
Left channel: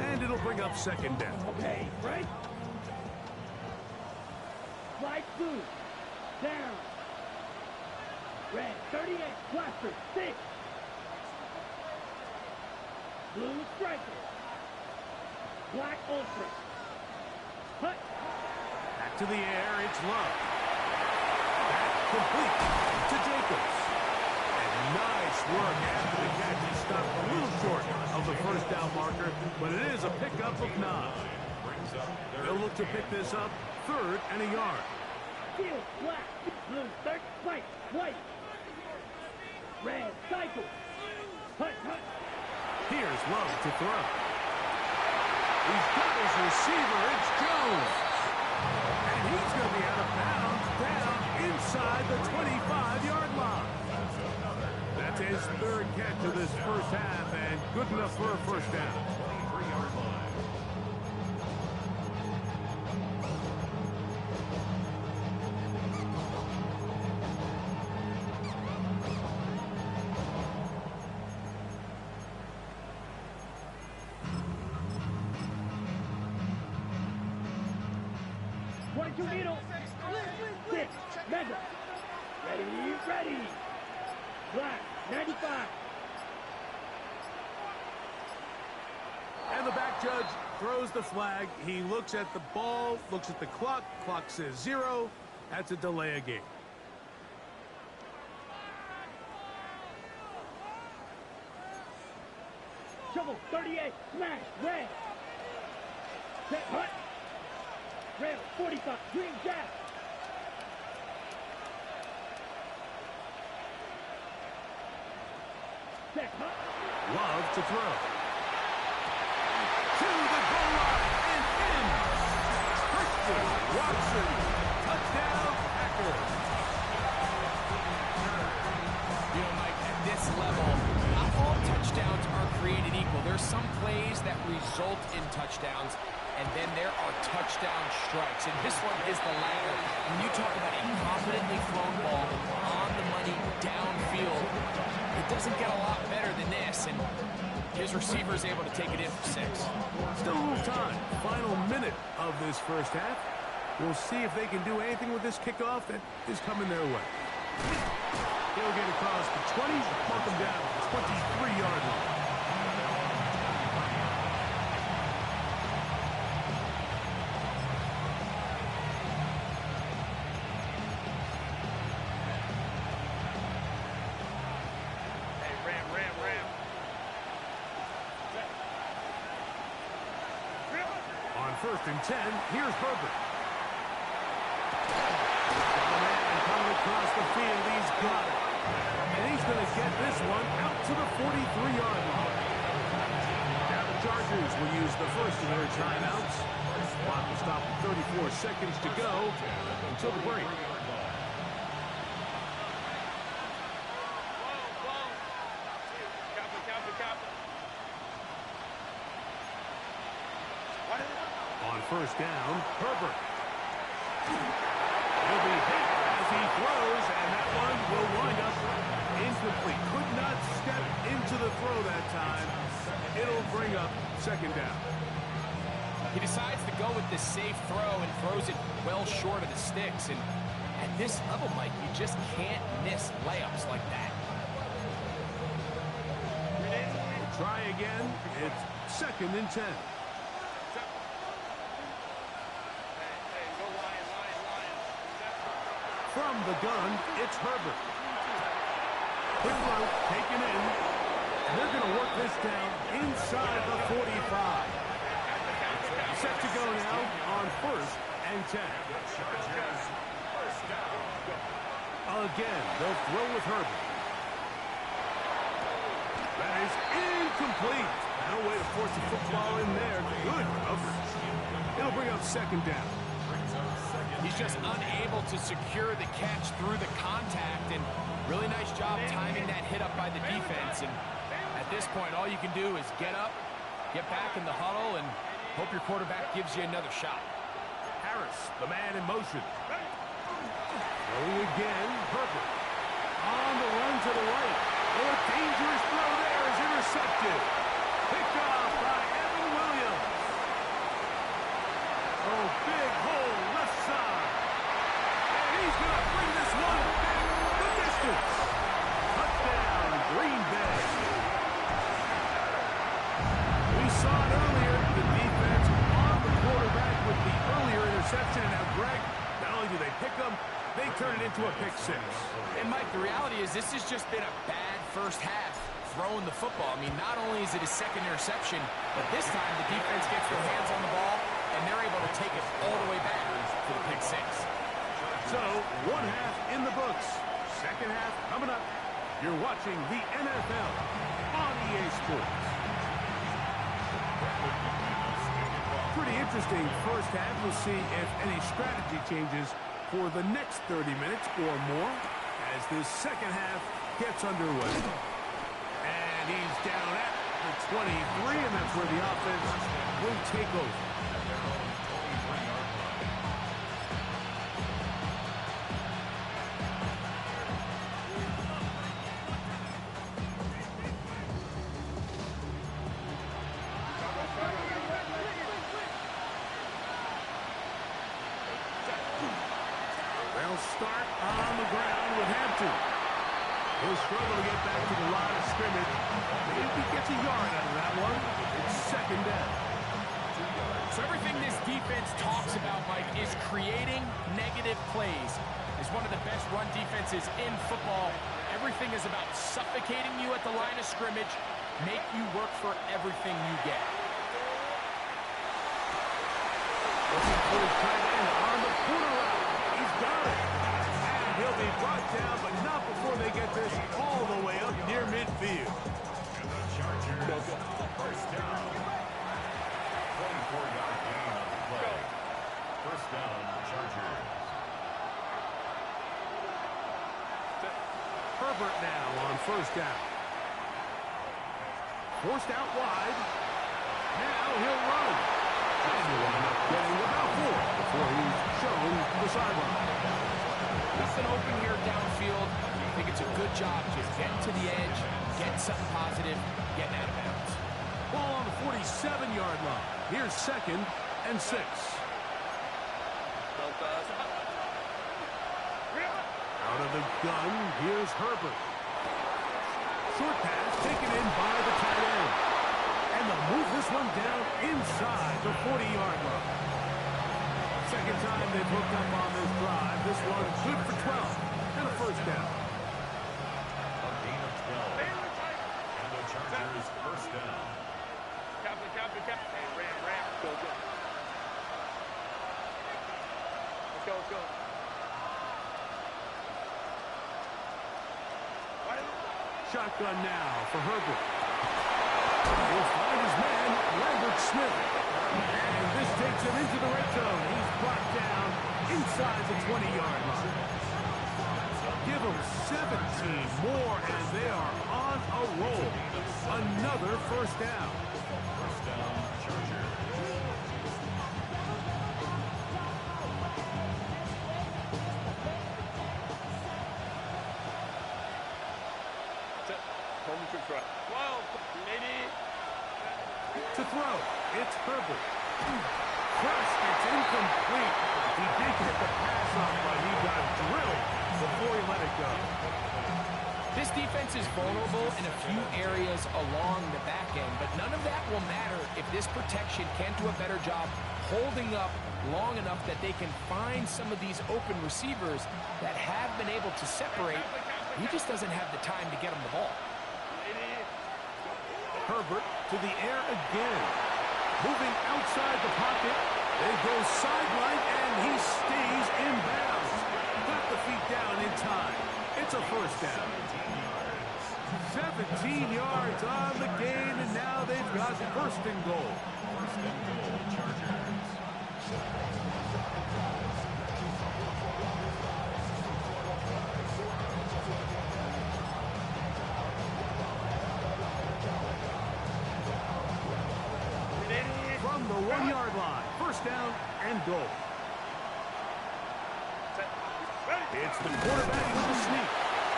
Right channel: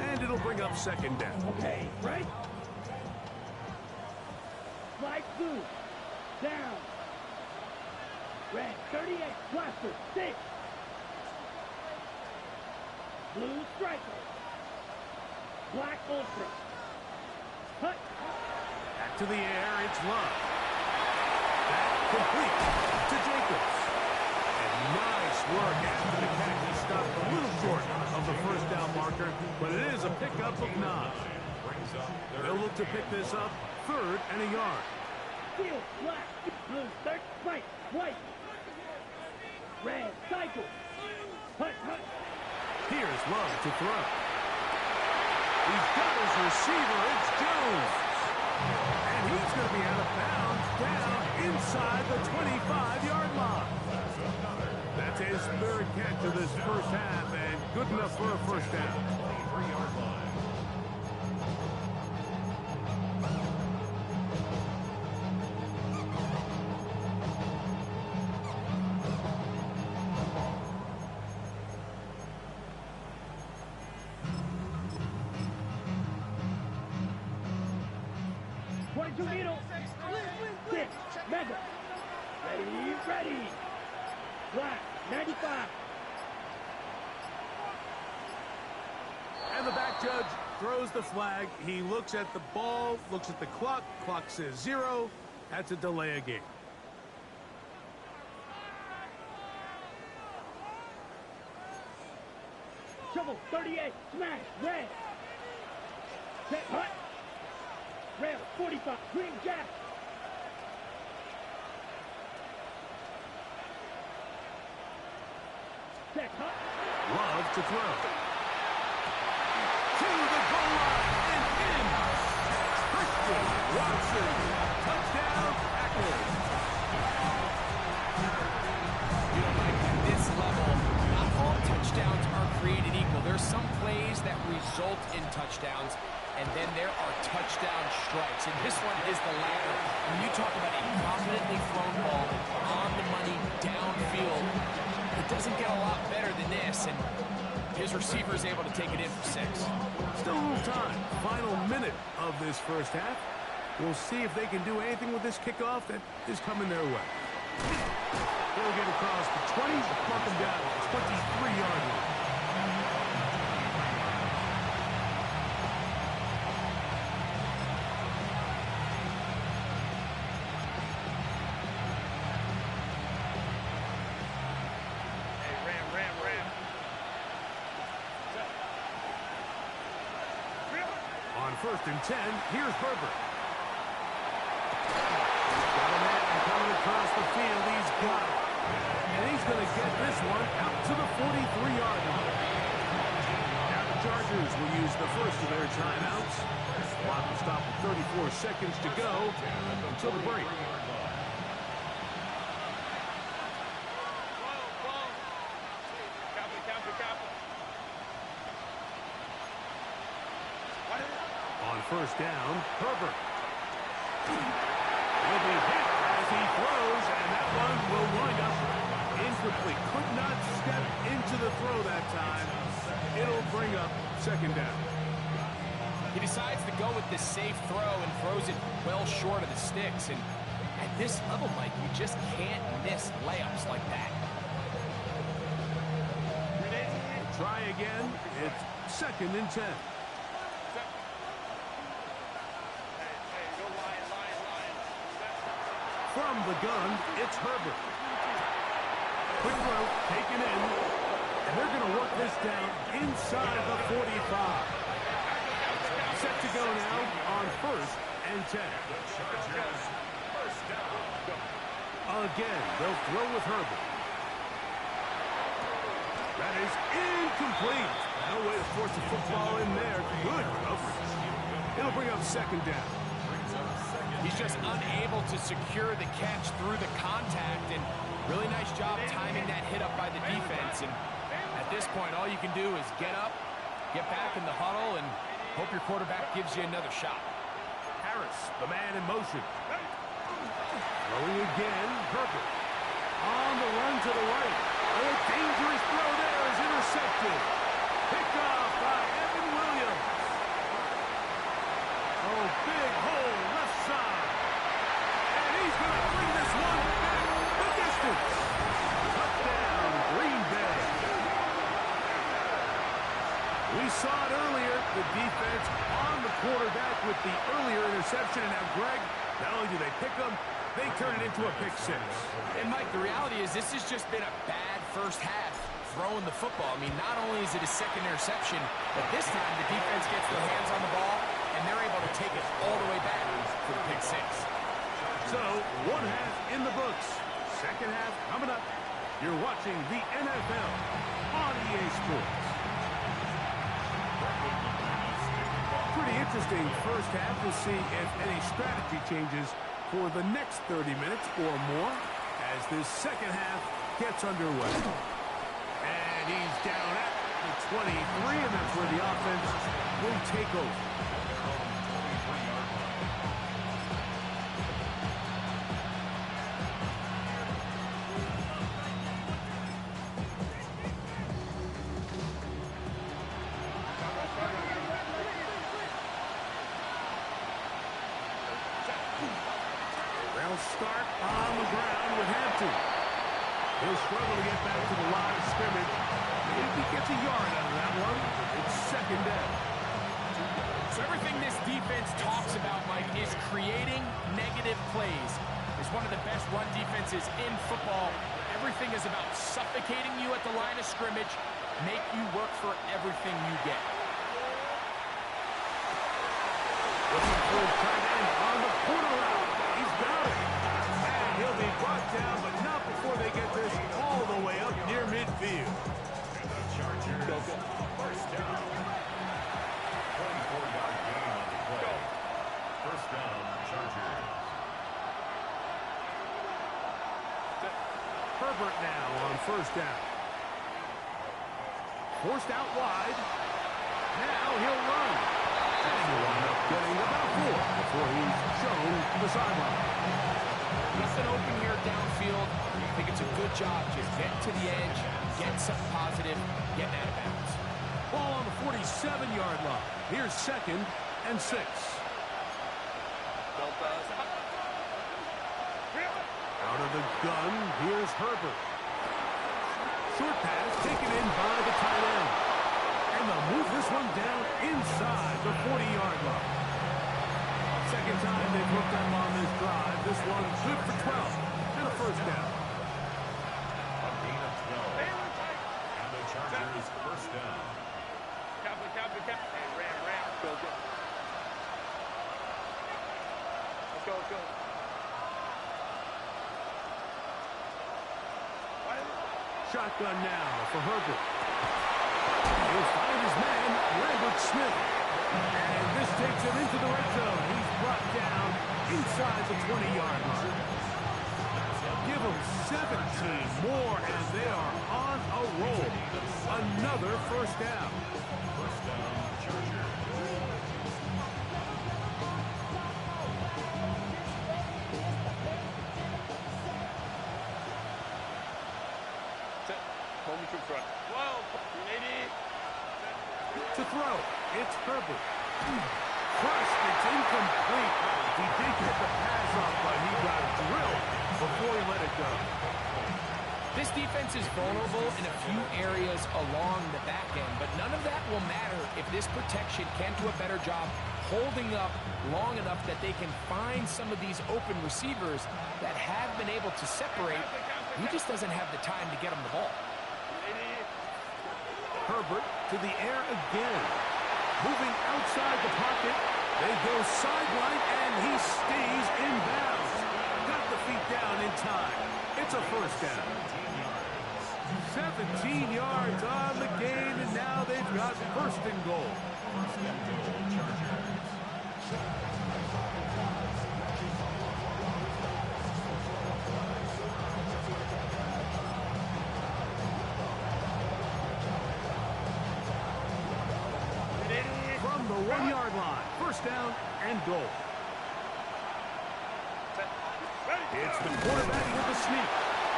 And it'll bring up 2nd down. Okay, right? Light blue. Down. Red, 38, blaster, 6. Blue striker. Black ultra. Hut. Back to the air, it's Love. That complete to Jacobs. And nice work after the catch. He stopped a little short of the 1st down marker, but it is a pickup of 9. They'll look to pick this up 3rd and a yard. Field, black. Blue, third, white, white. Red, cycle. Hut, hut. Here's Love to throw. He's got his receiver. It's Jones. And he's going to be out of bounds down inside the 25-yard line. That's his 3rd catch of this 1st half and good enough for a 1st down. 23-yard line. Needle. 6. Mega. Ready, ready. Black. 95. And the back judge throws the flag. He looks at the ball, looks at the clock. Clock says 0. That's a delay of game. Shovel. 38. Smash. Red. Set. Hut. Rail, 45, green jack. Check, hut. Love to throw. To the goal line and in. Christian Watson. Touchdown, Packers. You know, Mike, at this level, not all touchdowns are created equal. There's some plays that result in touchdowns, and then there are touchdown strikes. And this one is the latter. When you talk about a confidently thrown ball on the money downfield, it doesn't get a lot better than this. And his receiver is able to take it in for 6. Still a little time. Final minute of this 1st half. We'll see if they can do anything with this kickoff that is coming their way. He'll get across the 20, mark him down at the 23-yard line. On 1st and 10, here's Herbert. Got a man coming across the field. He's got it. And he's going to get this one out to the 43-yard line. Now the Chargers will use the first of their timeouts. Clock will stop with 34 seconds to go until the break. On first down, Herbert. He'll be hit as he throws, and that one will wind up incomplete. Could not step into the throw that time. It'll bring up second down. He decides to go with the safe throw and throws it well short of the sticks. And at this level, Mike, you just can't miss layups like that. Try again. It's second and 10. From the gun, it's Herbert. Quick throw, taken in, and they're going to work this down inside the 45. Set to go now on first and 10. Again, they'll throw with Herbert. That is incomplete. No way to force the football in there. Good coverage. It'll bring up second down. He's just unable to secure the catch through the contact, and really nice job timing that hit up by the defense. And at this point, all you can do is get up, get back in the huddle, and hope your quarterback gives you another shot. Harris, the man in motion. Throwing again, Herbert. On the run to the right. A dangerous throw there is intercepted. Picked off by Evan Williams. Oh, big hole left side. And he's going to bring this one back the distance. Touchdown, Green Bay. We saw it earlier. The defense on the quarterback with the earlier interception. And now, Greg, not only do they pick them, they turn it into a pick six. And, Mike, the reality is this has just been a bad first half throwing the football. I mean, not only is it his second interception, but this time the defense gets their hands on the ball, and they're able to take it all the way back for the pick six. So, one half in the books. Second half coming up. You're watching the NFL on EA Sports. Pretty interesting first half. We'll see if any strategy changes for the next 30 minutes or more as this second half gets underway. And he's down at the 23, and that's where the offense will take over. They'll start on the ground with Hampton. He'll struggle to get back to the line of scrimmage. Maybe he gets a yard out of that one. It's second down. So everything this defense talks about, Mike, is creating negative plays. It's one of the best run defenses in football. Everything is about suffocating you at the line of scrimmage, make you work for everything you get. Looking for his tight end on the corner route. He's got it. And he'll be brought down, but not before they get this all the way up near midfield. And the Chargers, first down. 24-yard gain on the play. First down, Chargers. Herbert now on first down. Forced out wide. Now he'll run. And he'll wind up getting about 4 before he's shown the sideline. Nothing open here downfield. I think it's a good job just getting to the edge, getting something positive, getting out of bounds. Ball on the 47-yard line. Here's second and 6. Out of the gun, here's Herbert. Short pass taken in by the tight end. And they'll move this one down inside the 40-yard line. Second time they've hooked up on this drive. This one's good for 12 and a first down. A gain of 12. And the Chargers first down. Hey, Ram. Go. Let's go. Shotgun now for Herbert. He'll find his man, Lambert Smith. And this takes him into the red zone. He's brought down inside the 20-yard line. Give them 17 more, and they are on a roll. Another first down. First down, Chargers. To throw, it's Herbert. Crushed, it's incomplete. He did get the pass off, but he got drilled before he let it go. This defense is vulnerable in a few areas along the back end, but none of that will matter if this protection can't do a better job holding up long enough that they can find some of these open receivers that have been able to separate. He just doesn't have the time to get them the ball. Herbert to the air again. Moving outside the pocket. They go sideline, and he stays in bounds. Got the feet down in time. It's a first down. 17 yards on the gain, and now they've got first and goal. First and goal, Chargers. From the 1-yard line, first down and goal. It's the quarterback with the sneak.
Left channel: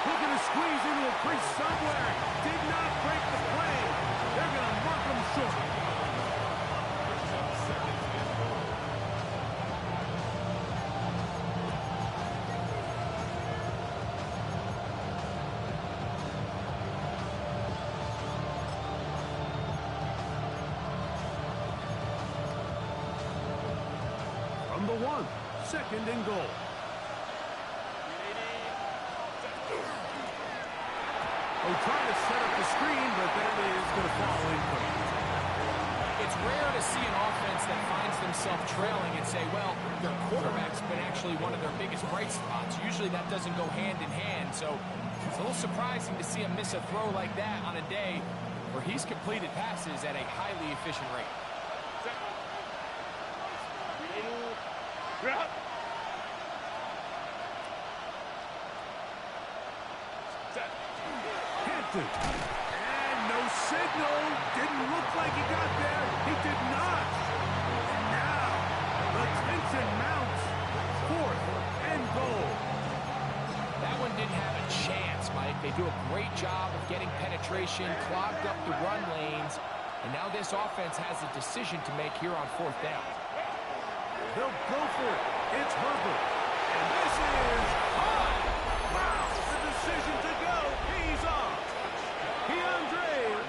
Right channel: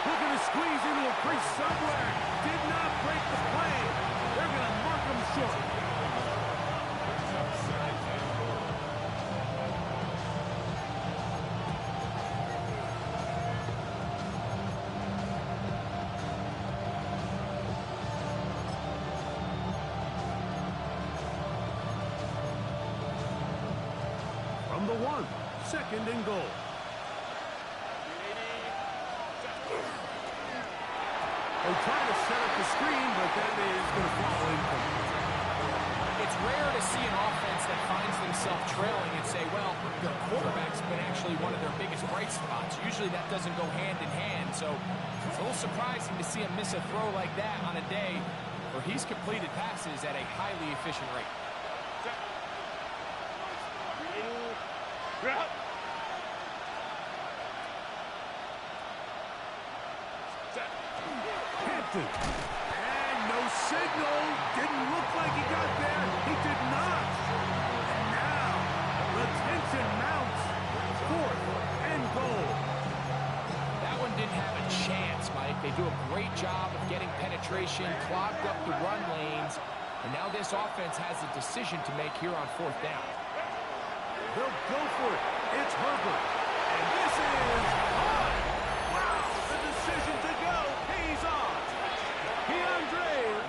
Looking to squeeze into a crease somewhere. Did not break the play. They're going to mark him short. Brings up second and goal. From the 1, second and goal. Oh, trying to set up the screen, but that is going to fall incomplete. It's rare to see an offense that finds themselves trailing and say, well, their quarterback's been actually one of their biggest bright spots. Usually that doesn't go hand in hand, so it's a little surprising to see him miss a throw like that on a day where he's completed passes at a highly efficient rate. Hampton. And no signal. Didn't look like he got there. He did not. And now the tension mounts. Fourth and goal. That one didn't have a chance, Mike. They do a great job of getting penetration, clogged up the run lanes, and now this offense has a decision to make here on fourth down. They'll go for it. It's Herbert. And this is high. Wow, the decision to go pays off.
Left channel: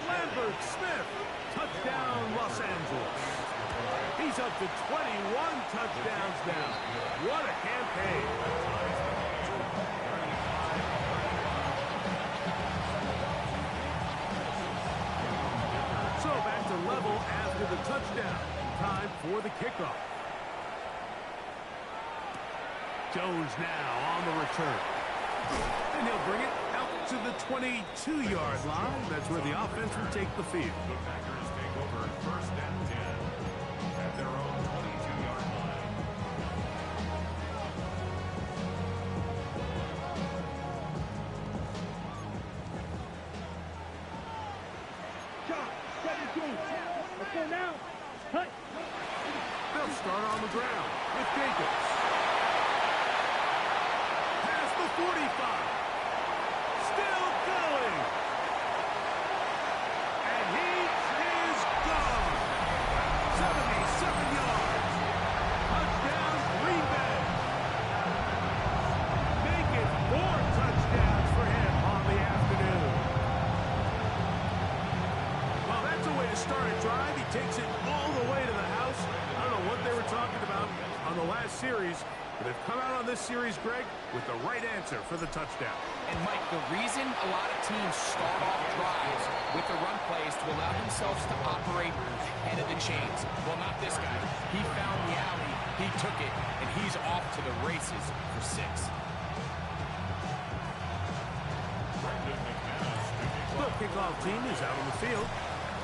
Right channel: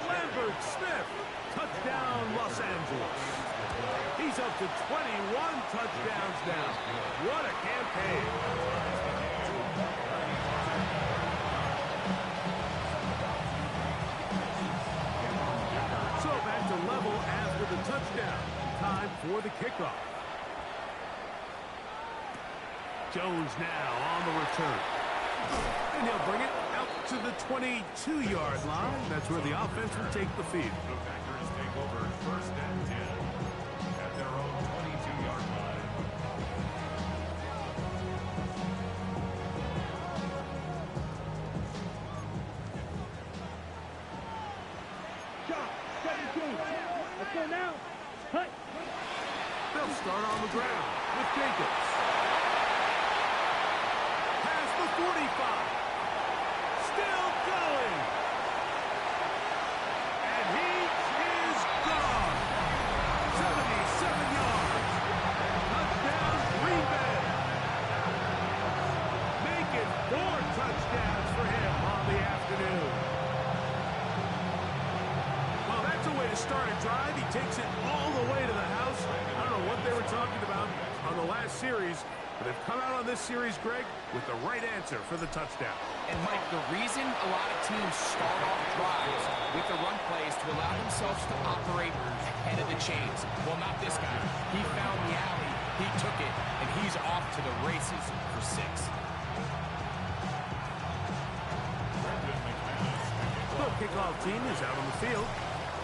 Lambert Smith. Touchdown, Los Angeles. He's up to 21 touchdowns now. What a campaign. So back to level after the touchdown. Time for the kickoff. Jones now on the return. And he'll bring it out to the 22-yard line. That's where the offense will take the field. The Packers take over first and 10 at their own 22-yard line. Shot, 17. Let's go now. Cut. They'll start on the ground with Jacobs. Past the 45. Still going. And he is gone. 77 yards. Touchdown, Green Bay. Make it 4 touchdowns for him on the afternoon. Well, that's a way to start a drive. He takes it all the way to the house. I don't know what they were talking about on the last series, but they've come out on this series, Greg, with the right answer for the touchdown. And, Mike, the reason a lot of teams start off drives with the run plays to allow themselves to operate ahead of the chains. Well, not this guy. He found the alley, he took it, and he's off to the races for 6. Brendan McManus to The kickoff team is out on the field,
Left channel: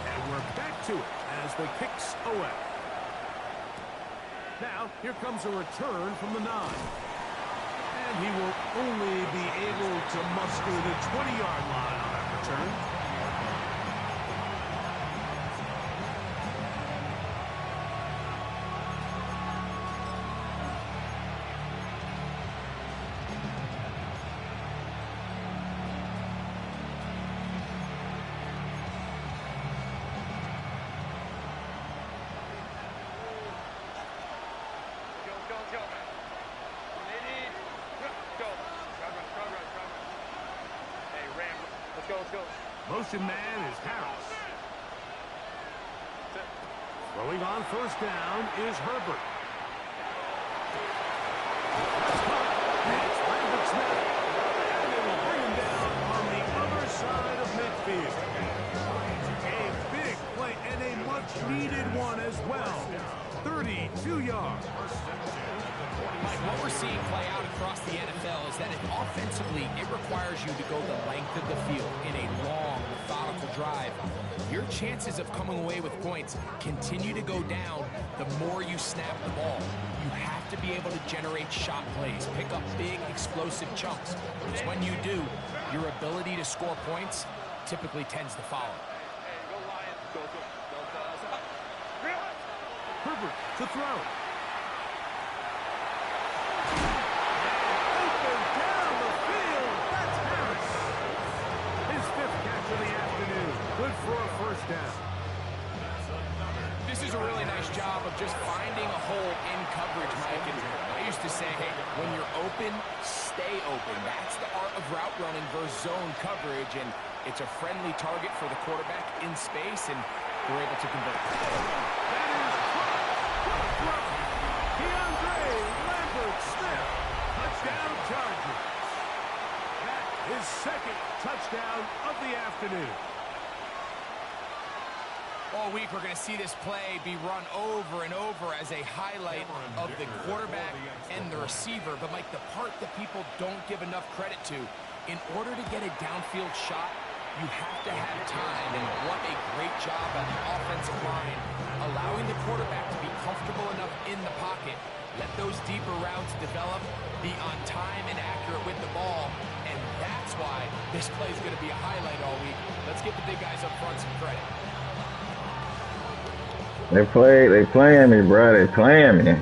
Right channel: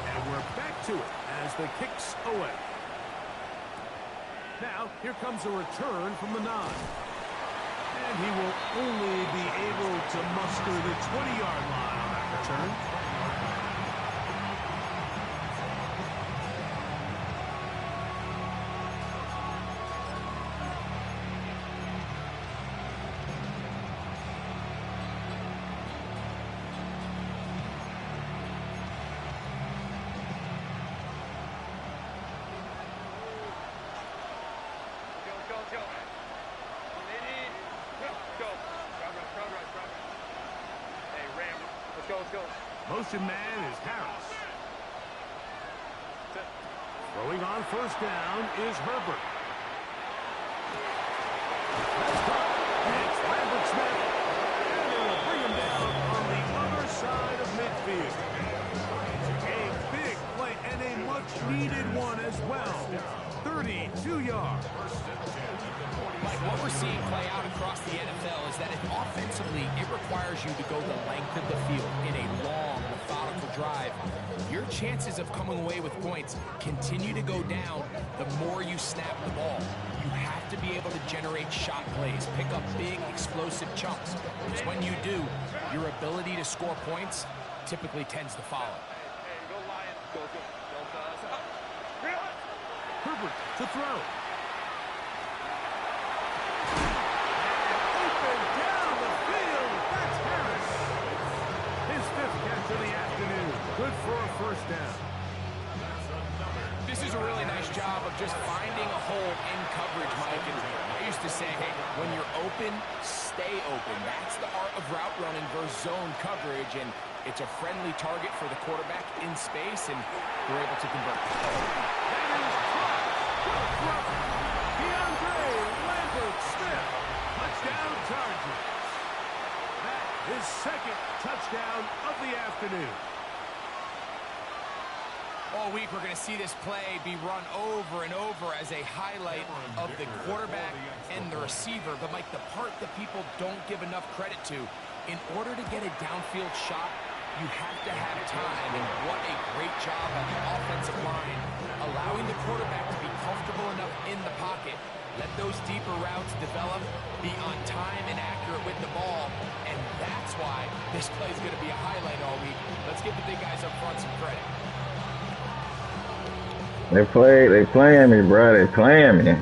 and we're back to it as the kick's away. Now, here comes a return from the 9. And he will only be able to muster the 20-yard line on that return. Motion man is Harris. Throwing on first down is Herbert. That's caught. It's Lambert Smith. And it will bring him down on the other side of midfield. A big play and a much-needed one as well. 32 yards. Mike, what we're seeing play out across the NFL is that offensively, it requires you to go the length of the field in a long, methodical drive. Your chances of coming away with points continue to go down the more you snap the ball. You have to be able to generate shot plays, pick up big, explosive chunks. Because when you do, your ability to score points typically tends to follow. Hey, go Lions. Go. Herbert to throw. And open down the field. That's Harris. His 5th catch of the afternoon. Good for a first down. This is a really nice job of just finding a hole in coverage, Mike. And I used to say, hey, when you're open, stay open. That's the art of route running versus zone coverage. And it's a friendly target for the quarterback in space, and we're able to convert. That is caught. What a throw. DeAndre Lambert-Smith. Touchdown Chargers. That is 2nd touchdown of the afternoon. All week, we're going to see this play be run over and over as a highlight of the quarterback and the receiver. But, Mike, the part that people don't give enough credit to, in order to get a downfield shot, you have to have time. And what a great job by the offensive line, allowing the quarterback to be comfortable enough in the pocket, let those deeper routes develop, be on time and accurate with the ball. And that's why this play is going to be a highlight all week. Let's give the big guys up front some credit. They playing me, bro. They playing me.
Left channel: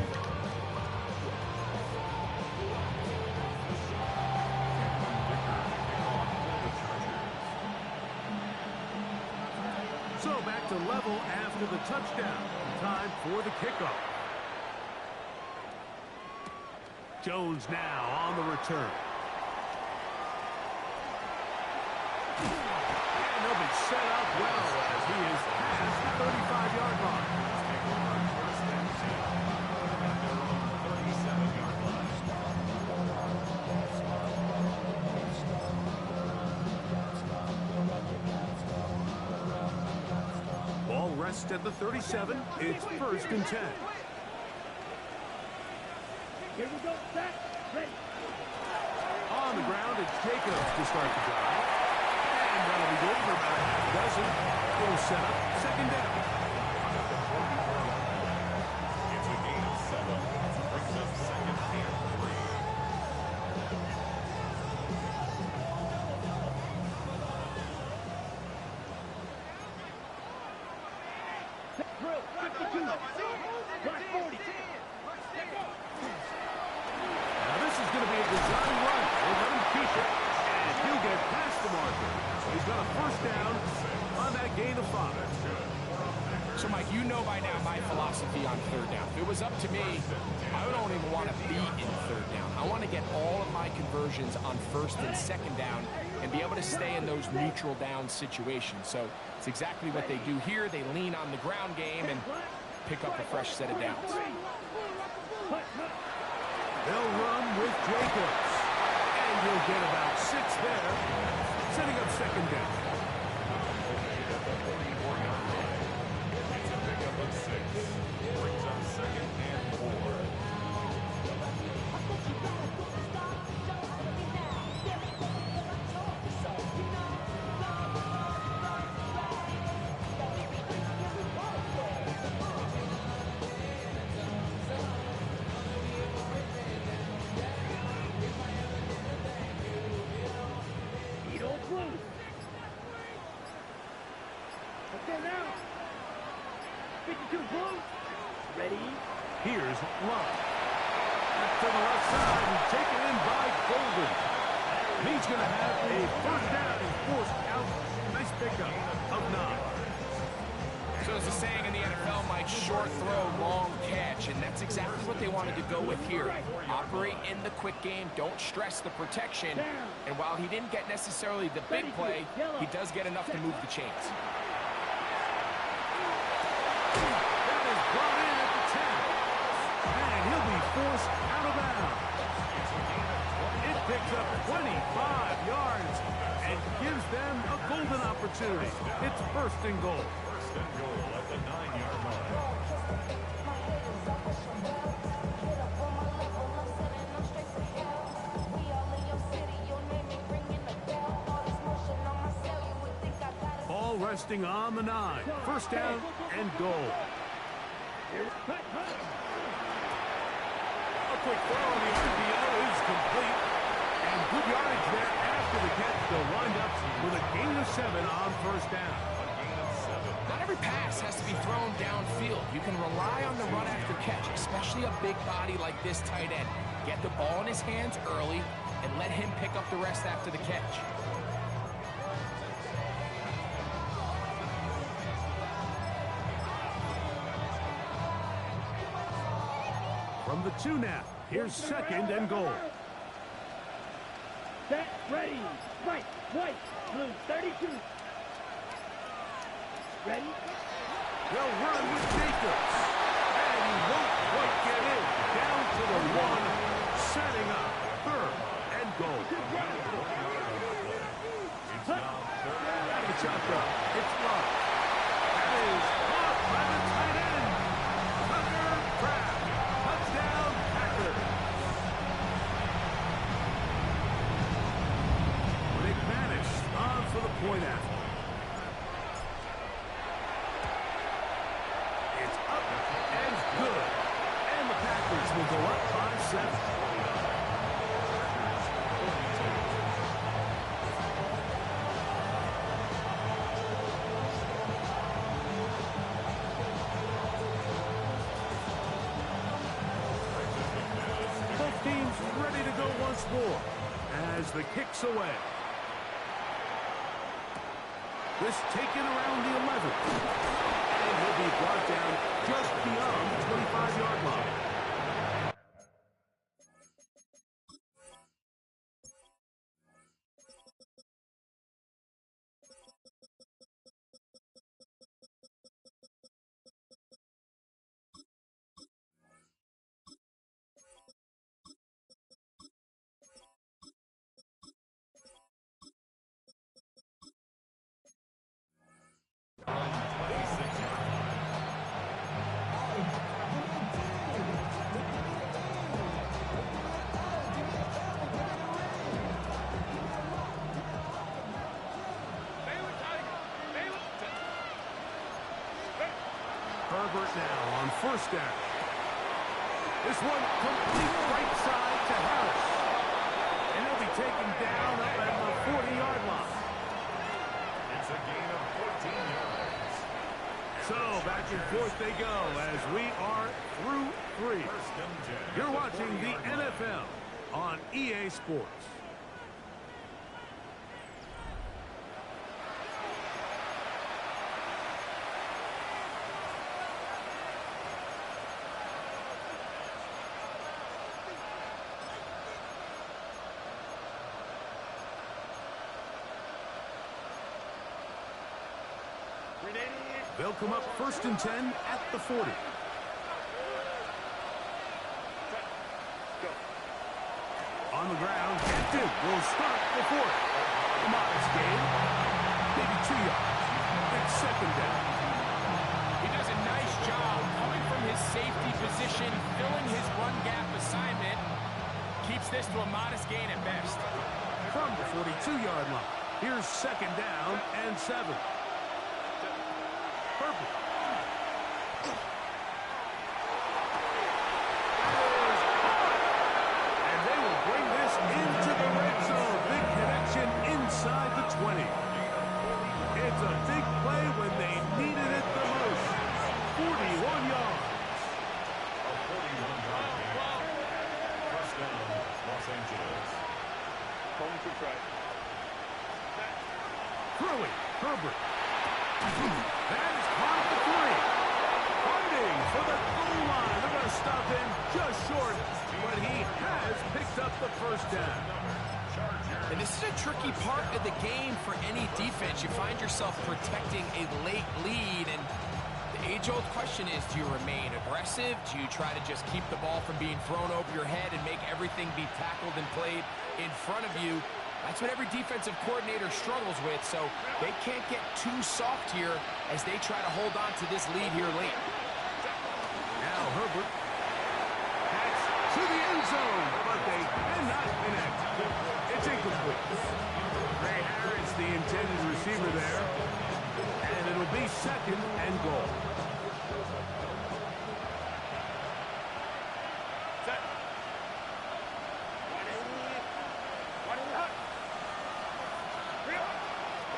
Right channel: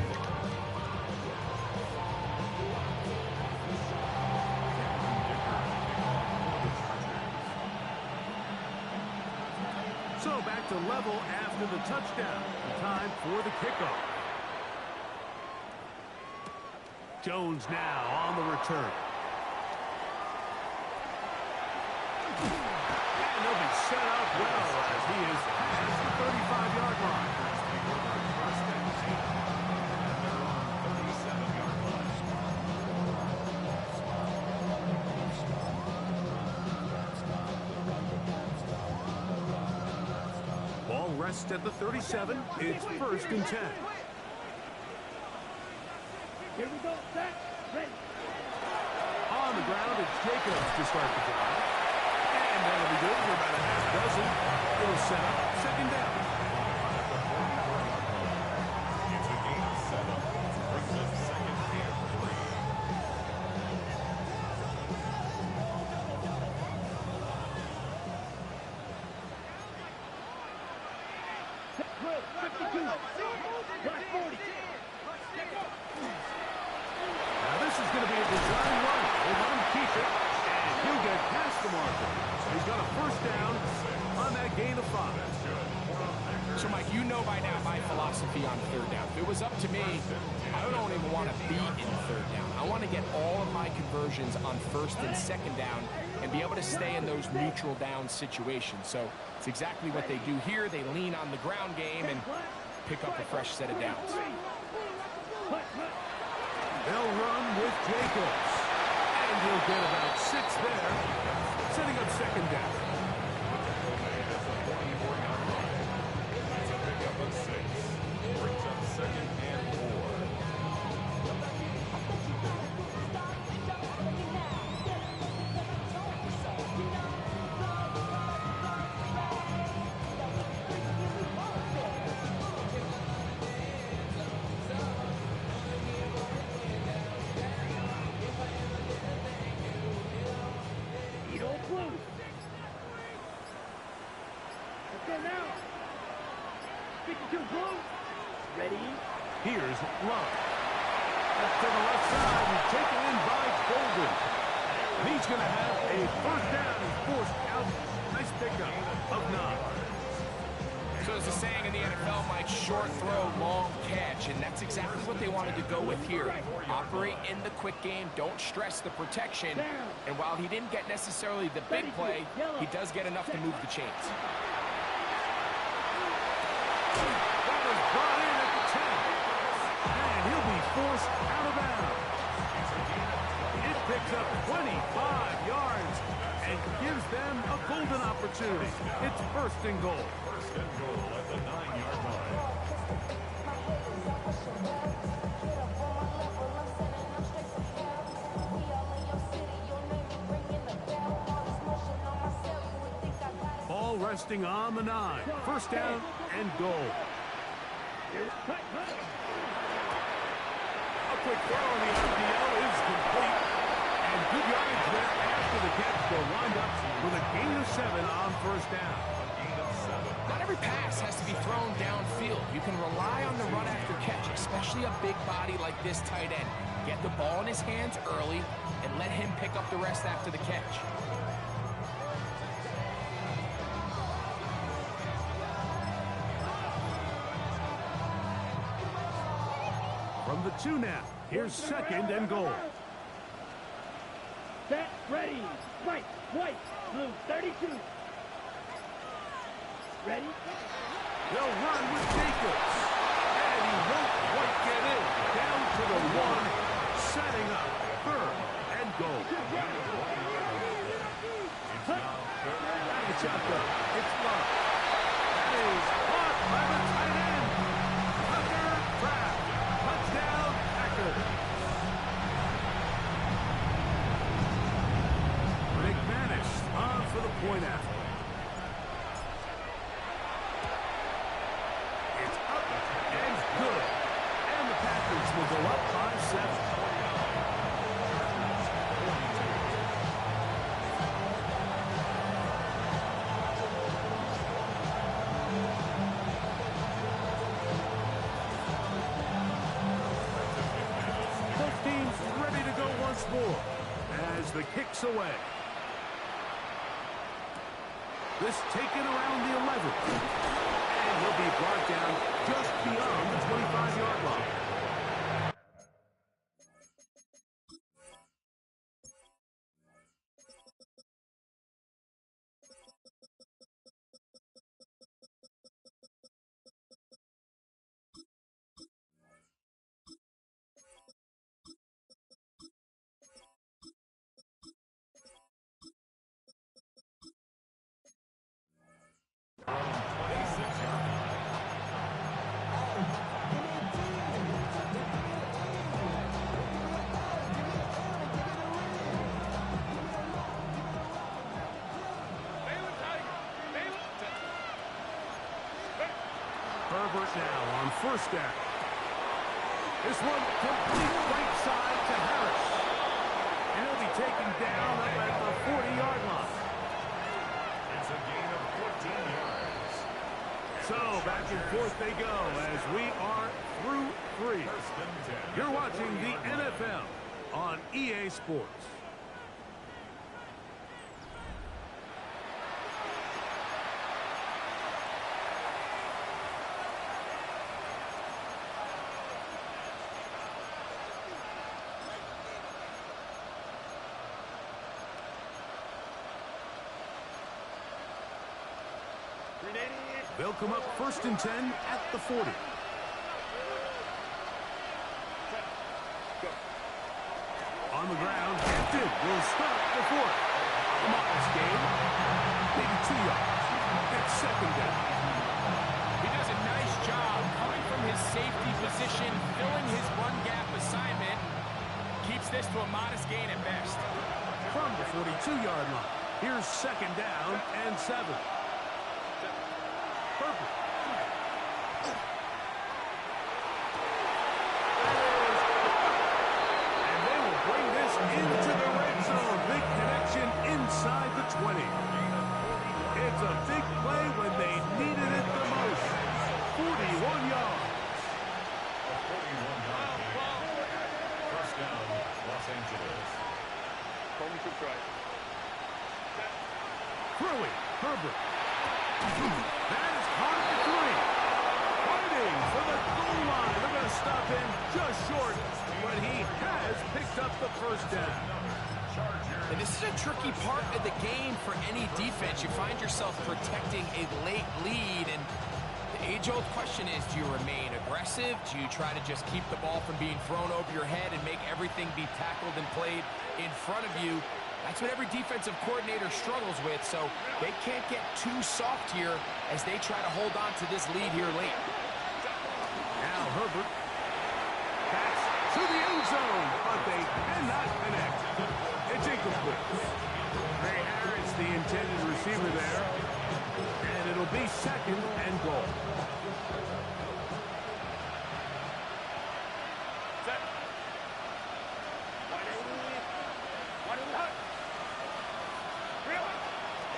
So back to level after the touchdown. Time for the kickoff. Jones now on the return. And he'll be set up well as he is past the 35-yard line. Ball rests at the 37. It's 1st and 10. Here we go. Set. Ready. On the ground, it's Jacobs to start the drive. And that'll be good for about a half dozen. It'll set up 2nd down. It's a gain of 7. Brings up 2nd and 3. Drill. 52. Block 40. Now this is going to be a design run. We'll let him keep it, and he'll get past the marker. So he's got a 1st down on that gain of 5. So, Mike, you know by now my philosophy on 3rd down. If it was up to me, I don't even want to be in 3rd down. I want to get all of my conversions on 1st and 2nd down and be able to stay in those neutral down situations. So it's exactly what they do here. They lean on the ground game and pick up a fresh set of downs. They'll run with Jacobs. And he'll get about 6 there, setting up 2nd down. Made at the 44-yard line. It's a pickup of 6. Brings up 2nd and 4. Here's Love. That's to the left side and taken in by Golden. And he's going to have a first down. He's forced out. Nice pickup of 9. So as the saying in the NFL, Mike, short throw, long catch, and that's exactly what they wanted to go with here. Operate in the quick game, don't stress the protection, and while he didn't get necessarily the big play, he does get enough to move the chains. That is brought in at the 10, and he'll be forced out of bounds. It picks up 25 yards and gives them a golden opportunity. It's first and goal. First and goal at the 9-yard line. Ball resting on the 9. First down and goal. A quick throw on the RPO is complete. And good yardage there after the catch. They'll wind up with a gain of 7 on first down. A gain of 7. Not every pass has to be thrown downfield. You can rely on the run after catch, especially a big body like this tight end. Get the ball in his hands early and let him pick up the rest after the catch. From the 2 now, here's second and goal. Set, ready, right, white, blue, 32. Ready? They'll run with Jacobs. And he won't quite get in. Down to the 1, setting up third and goal. It's now third. It's out there. It's Love. That is caught by the tight end. Tucker Kraft. Touchdown, Packers. McManus on for the point after. It's up and good. And the Packers will go up by 7. Both teams ready to go once more as the kick's away. This taken around the 11th. And he'll be brought down just beyond the 25-yard line. Herbert now on first down. This one complete right side to Harris. And he'll be taken down up at the 40-yard line. It's a gain of 14 yards. So back and forth they go as we are through 3. First and 10. You're watching the NFL on EA Sports. They'll come up first and 10 at the 40. On the ground, Hampton will start the 4th. A modest gain, maybe 2 yards. It's second down. He does a nice job coming from his safety position, filling his run gap assignment, keeps this to a modest gain at best. From the 42-yard line, here's second down and 7. Perfect. That is hard. And they will bring this into the red zone. Big connection inside the 20. It's a big play when they needed it the most. 41 yards. 41-yard gain. First down, Los Angeles. Calling for try. Throwing, Herbert. That is caught at the 3. Fighting for the goal line. They're going to stop him just short, but he has picked up the first down. And this is a tricky part of the game for any defense. You find yourself protecting a late lead, and the age-old question is, do you remain aggressive? Do you try to just keep the ball from being thrown over your head and make everything be tackled and played in front of you? That's what every defensive coordinator struggles with, so they can't get too soft here as they try to hold on to this lead here late. Now Herbert. That's to the end zone, but they cannot connect. It's incomplete. Ray Harris, the intended receiver there, and it'll be second and goal. Set.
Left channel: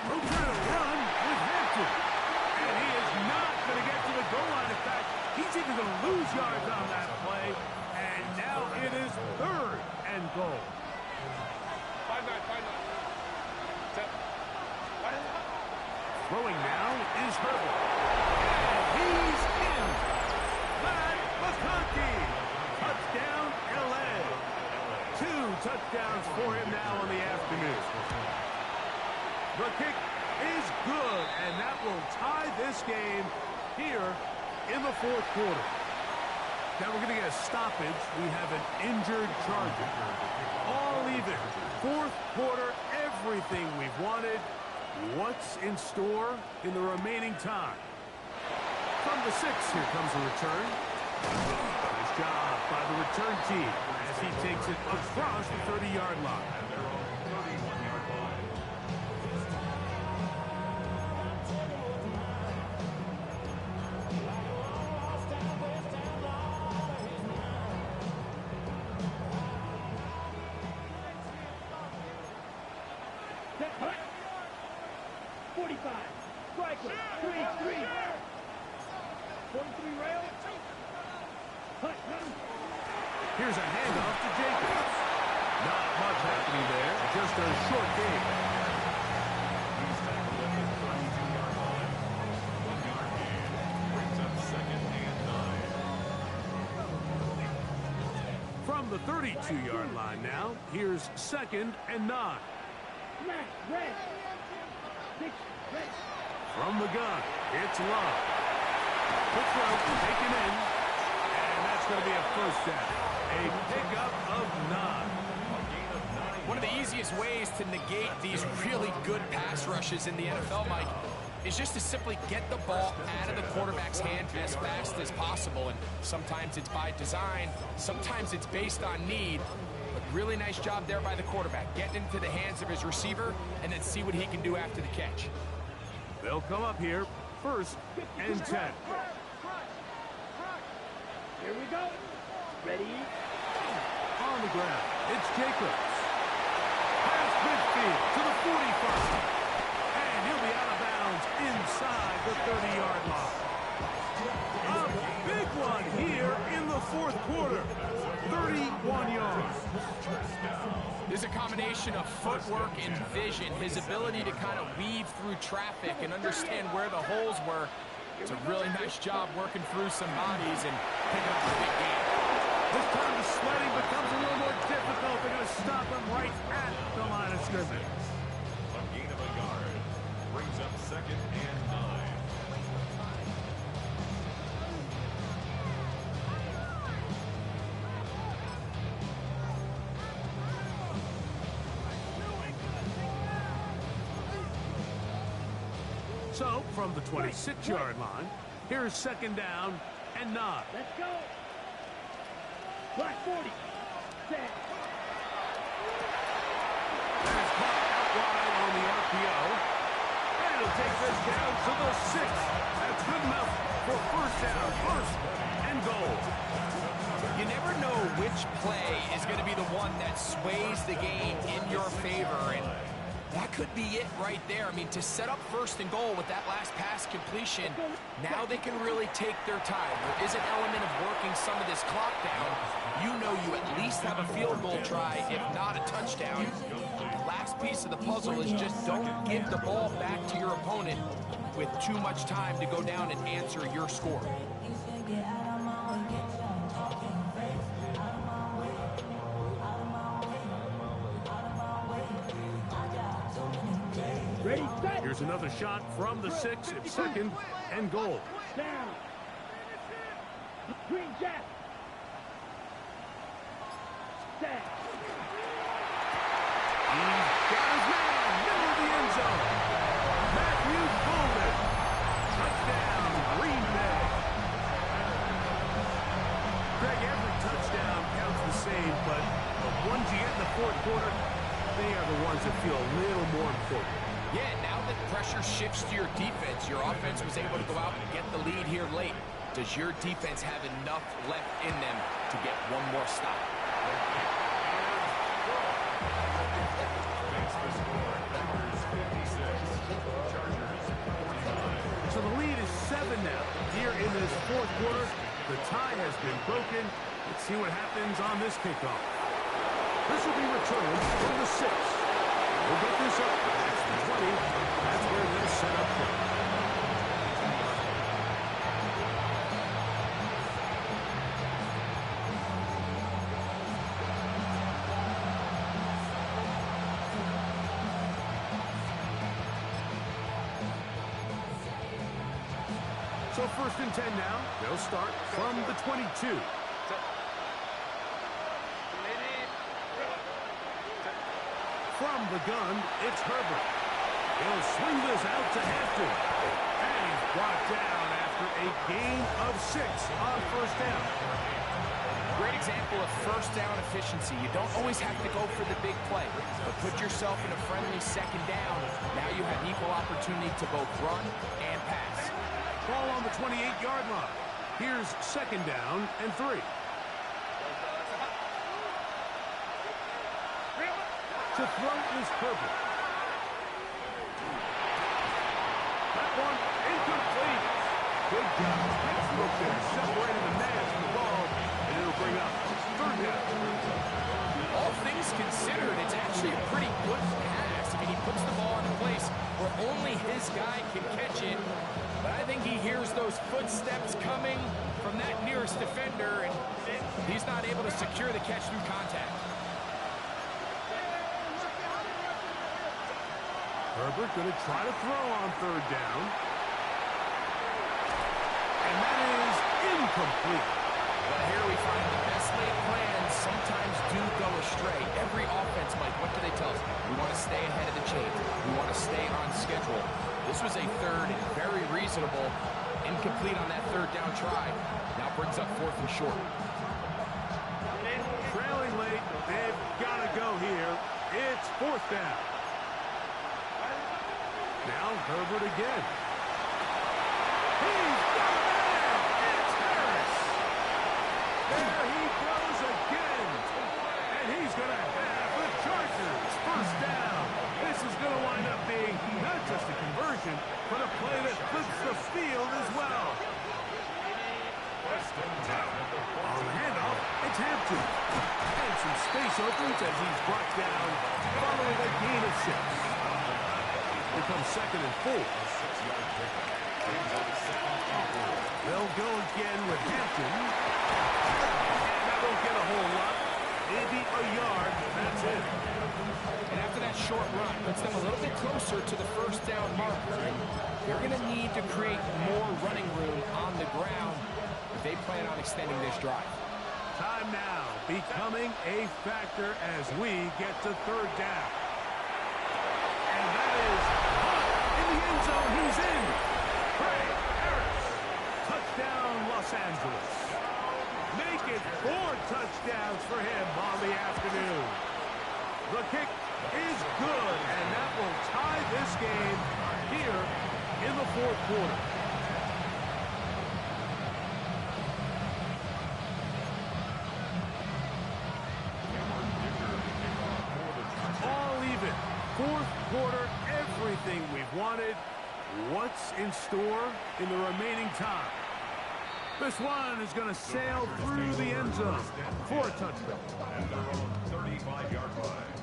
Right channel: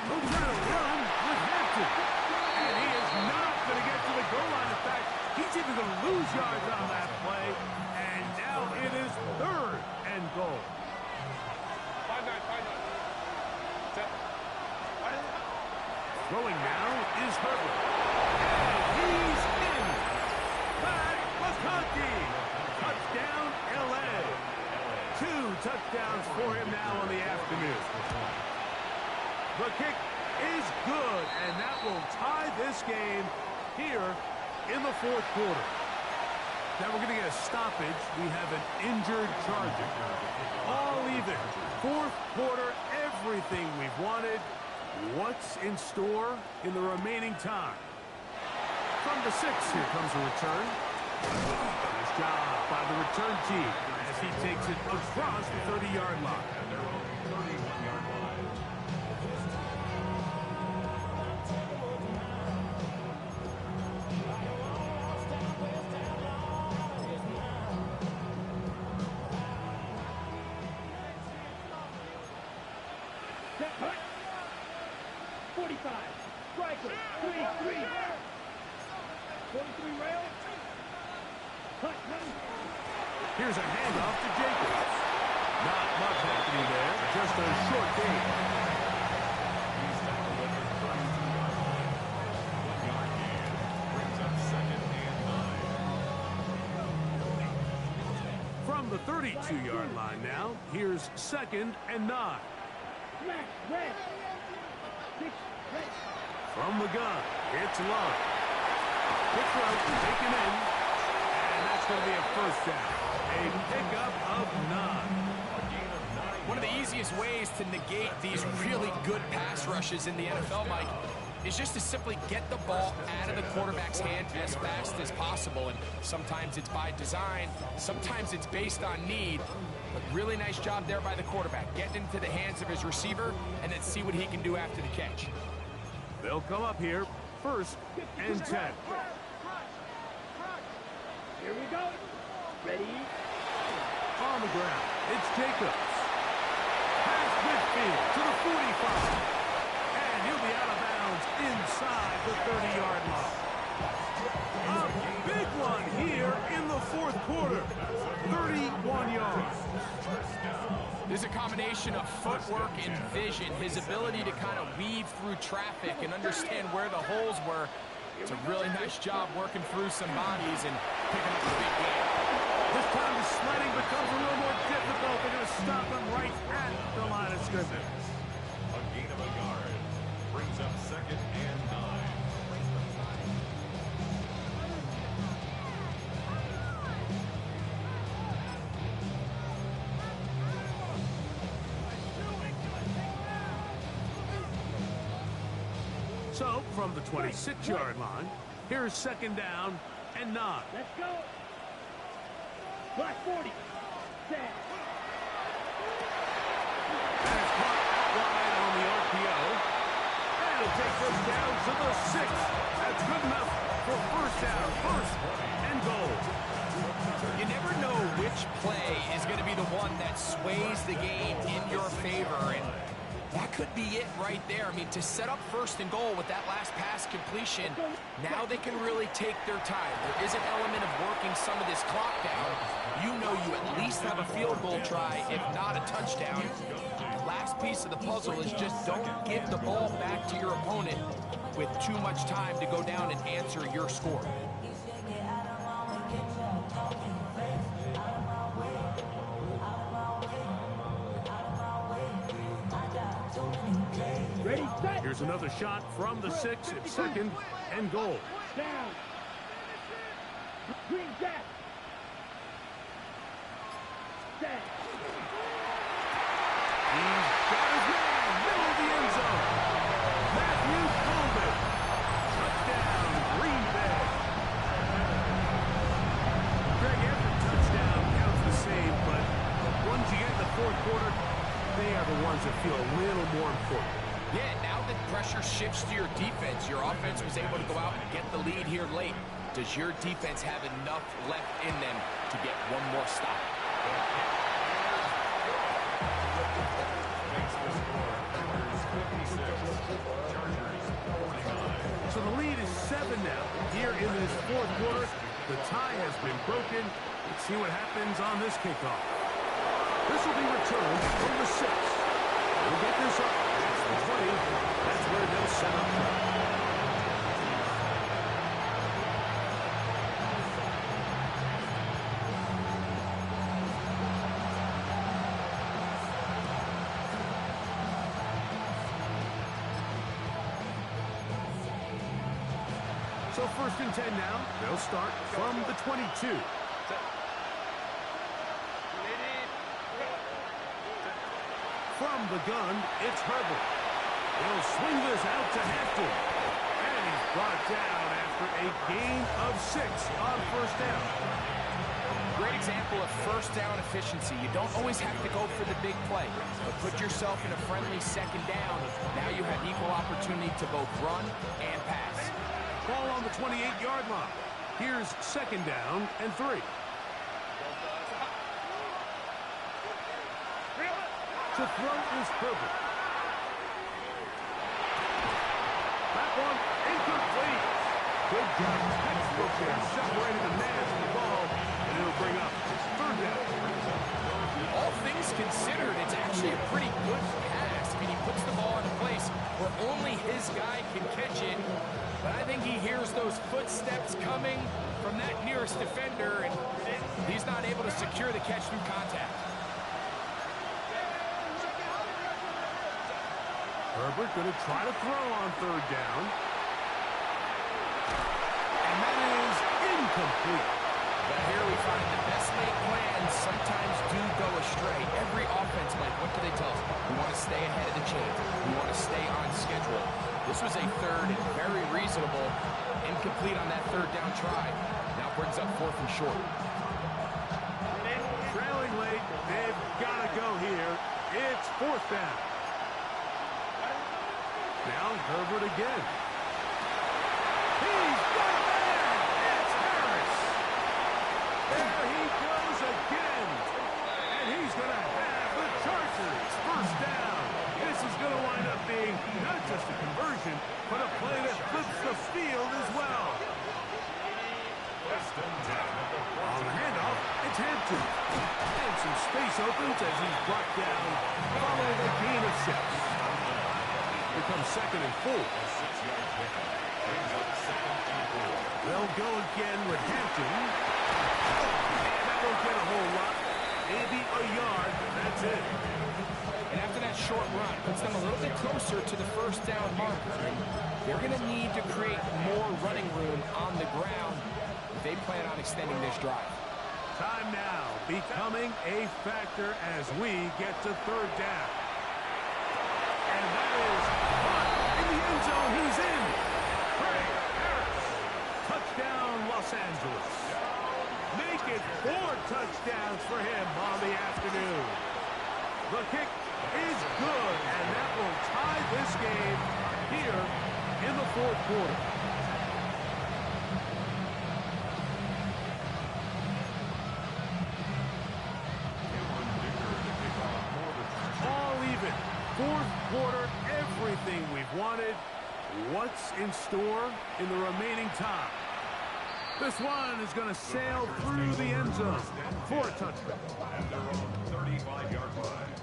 He'll try to run with Hampton. And he is not going to get to the goal line. In fact, he's even going to lose yards on that play. And now it is third and goal. 5-9. Set. Throwing now is Herbert. And he's in. Matt McConkey. Touchdown, L.A. 2 touchdowns for him now on the afternoon. The kick is good, and that will tie this game here in the fourth quarter. Now we're going to get a stoppage. We have an injured Charger. All even. Fourth quarter, everything we've wanted. What's in store in the remaining time? From the 6, here comes a return. Nice job by the return team as he takes it across the 30-yard line. At their own 31-yard line. Set. Hut. 45. Striker. 3. 43 rail. Hut. Here's a handoff to Jacobs. Not much happening there. Just a short gain. He's tackled at the 32-yard line. 1-yard gain. Brings up second and 9. From the 32-yard line now, here's second and 9. Smash. Red. 6. Red. From the gun, it's Love. Quick throw, taken in, and that's going to be a first down. A pickup of 9. A gain of 9. One of the easiest ways to negate these really good pass rushes in the NFL, Mike, is just to simply get the ball out of the quarterback's hand as fast as possible. And sometimes it's by design, sometimes it's based on need. But really nice job there by the quarterback, getting into the hands of his receiver and then see what he can do after the catch. They'll come up here, first and 10. Here we go. Ready. On the ground, it's Jacobs. Past midfield to the 45. And he'll be out of bounds inside the 30-yard line. A big one here in the fourth quarter. 31 yards. There's a combination of footwork and vision, his ability to kind of weave through traffic and understand where the holes were. It's a really nice job working through some bodies and picking up a big game. This time the sledding becomes a little more difficult. They're going to stop him right at the line of scrimmage. A gain of a yard. Brings up second and 9. So, from the 26-yard line, here's second down and 9. Let's go. Black 40. Set. That is caught out wide on the RPO. And it'll take this down to the 6. That's good enough for first down, first and goal. You never know which play is going to be the one that sways the game in your favor. And That could be it right there. I mean, to set up 1st and goal with that last pass completion, now they can really take their time. There is an element of working some of this clock down. You know you at least have a field goal try, if not a touchdown. The last piece of the puzzle is just don't give the ball back to your opponent with too much time to go down and answer your score. Ready, set. Here's another shot from the 6. It's 2nd and goal. Down. Green Jack. Set. He's got his man, middle of the end zone. Matthew Golden. Touchdown, Green Bay. Greg, every touchdown counts the same, but the ones you get in the 4th quarter, they are the ones that feel a little more important. Yeah, now that pressure shifts to your defense, your offense was able to go out and get the lead here late. Does your defense have enough left in them to get one more stop? Makes the score. Packers 56. Chargers 49. So the lead is 7 now. Here in this 4th quarter, the tie has been broken. Let's see what happens on this kickoff. This will be returned from the 6. We'll get this up. That's the 20. That's where they'll set up shop. So 1st and 10 now. They'll start from the 22. From the gun, it's Herbert. He'll swing this out to Hampton. And he's brought down after a gain of 6 on 1st down. Great example of 1st down efficiency. You don't always have to go for the big play, but put yourself in a friendly 2nd down. Now you have equal opportunity to both run and pass. Ball on the 28-yard line. Here's 2nd down and 3. To throw is Herbert. That one incomplete. Good job. Textbook there. Separated the man from the ball, and it'll bring up 3rd down. All things considered, it's actually a pretty good pass. I mean, he puts the ball in a place where only his guy can catch it. But I think he hears those footsteps coming from that nearest defender, and he's not able to secure the catch through contact. Herbert going to try to throw on 3rd down. And that is incomplete. But here we find the best laid plans sometimes do go astray. Every offense, Mike, what do they tell us? We want to stay ahead of the chain. We want to stay on schedule. This was a 3rd and very reasonable. Incomplete on that 3rd down try. Now brings up 4th and short. Trailing late. They've got to go here. It's 4th down. Now Herbert again. He's got a man! It's Harris! There he goes again! And he's going to have the Chargers 1st down. This is going to wind up being not just a conversion, but a play that flips the field as well. On the handoff, it's Hampton. And some space opens as he's brought down following a gain of 6. Here comes 2nd and 4. They'll go again with Hampton. And that won't get a whole lot. Maybe a yard. That's it. And after that short run, puts them a little bit closer to the 1st down marker. And they're going to need to create more running room on the ground if they plan on extending this drive. Time now becoming a factor as we get to 3rd down. And that is caught in the end zone. He's in. Trey Harris. Touchdown, Los Angeles. Make it 4 touchdowns for him on the afternoon. The kick is good, and that will tie this game here in the 4th quarter. All even. Fourth quarter, everything we've wanted. What's in store in the remaining time? This one is going to sail through the end zone for a touchdown. At their own 35-yard line.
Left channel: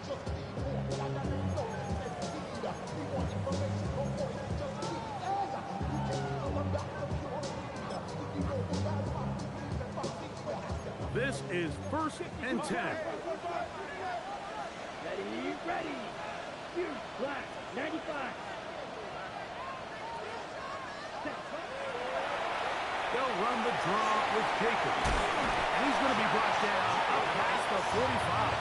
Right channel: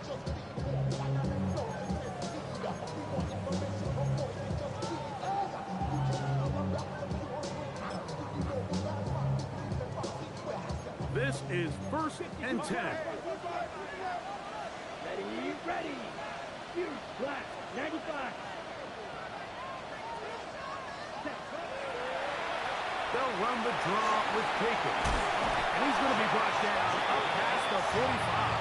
This is 1st and 10. Ready, ready. Fuse black, 95. They'll run the draw with Jacobs. And he's going to be brought down up past the 45.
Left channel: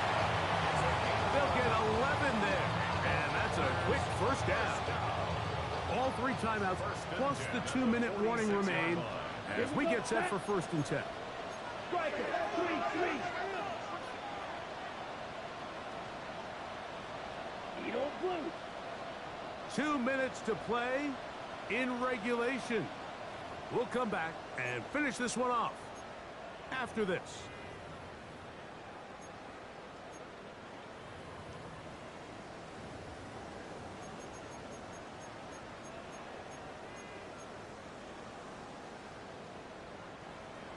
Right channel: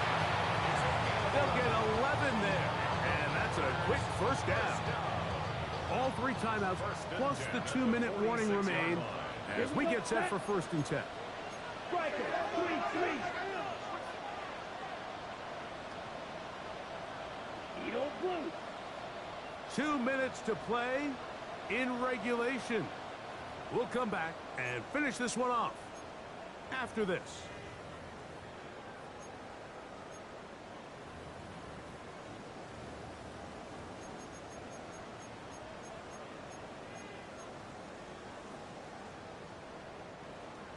They'll get 11 there. And that's a quick first down. All 3 timeouts plus the 2-minute warning remain as we get set for 1st and 10. Striker, 3-3. Edo blue. 2 minutes to play in regulation. We'll come back and finish this one off after this.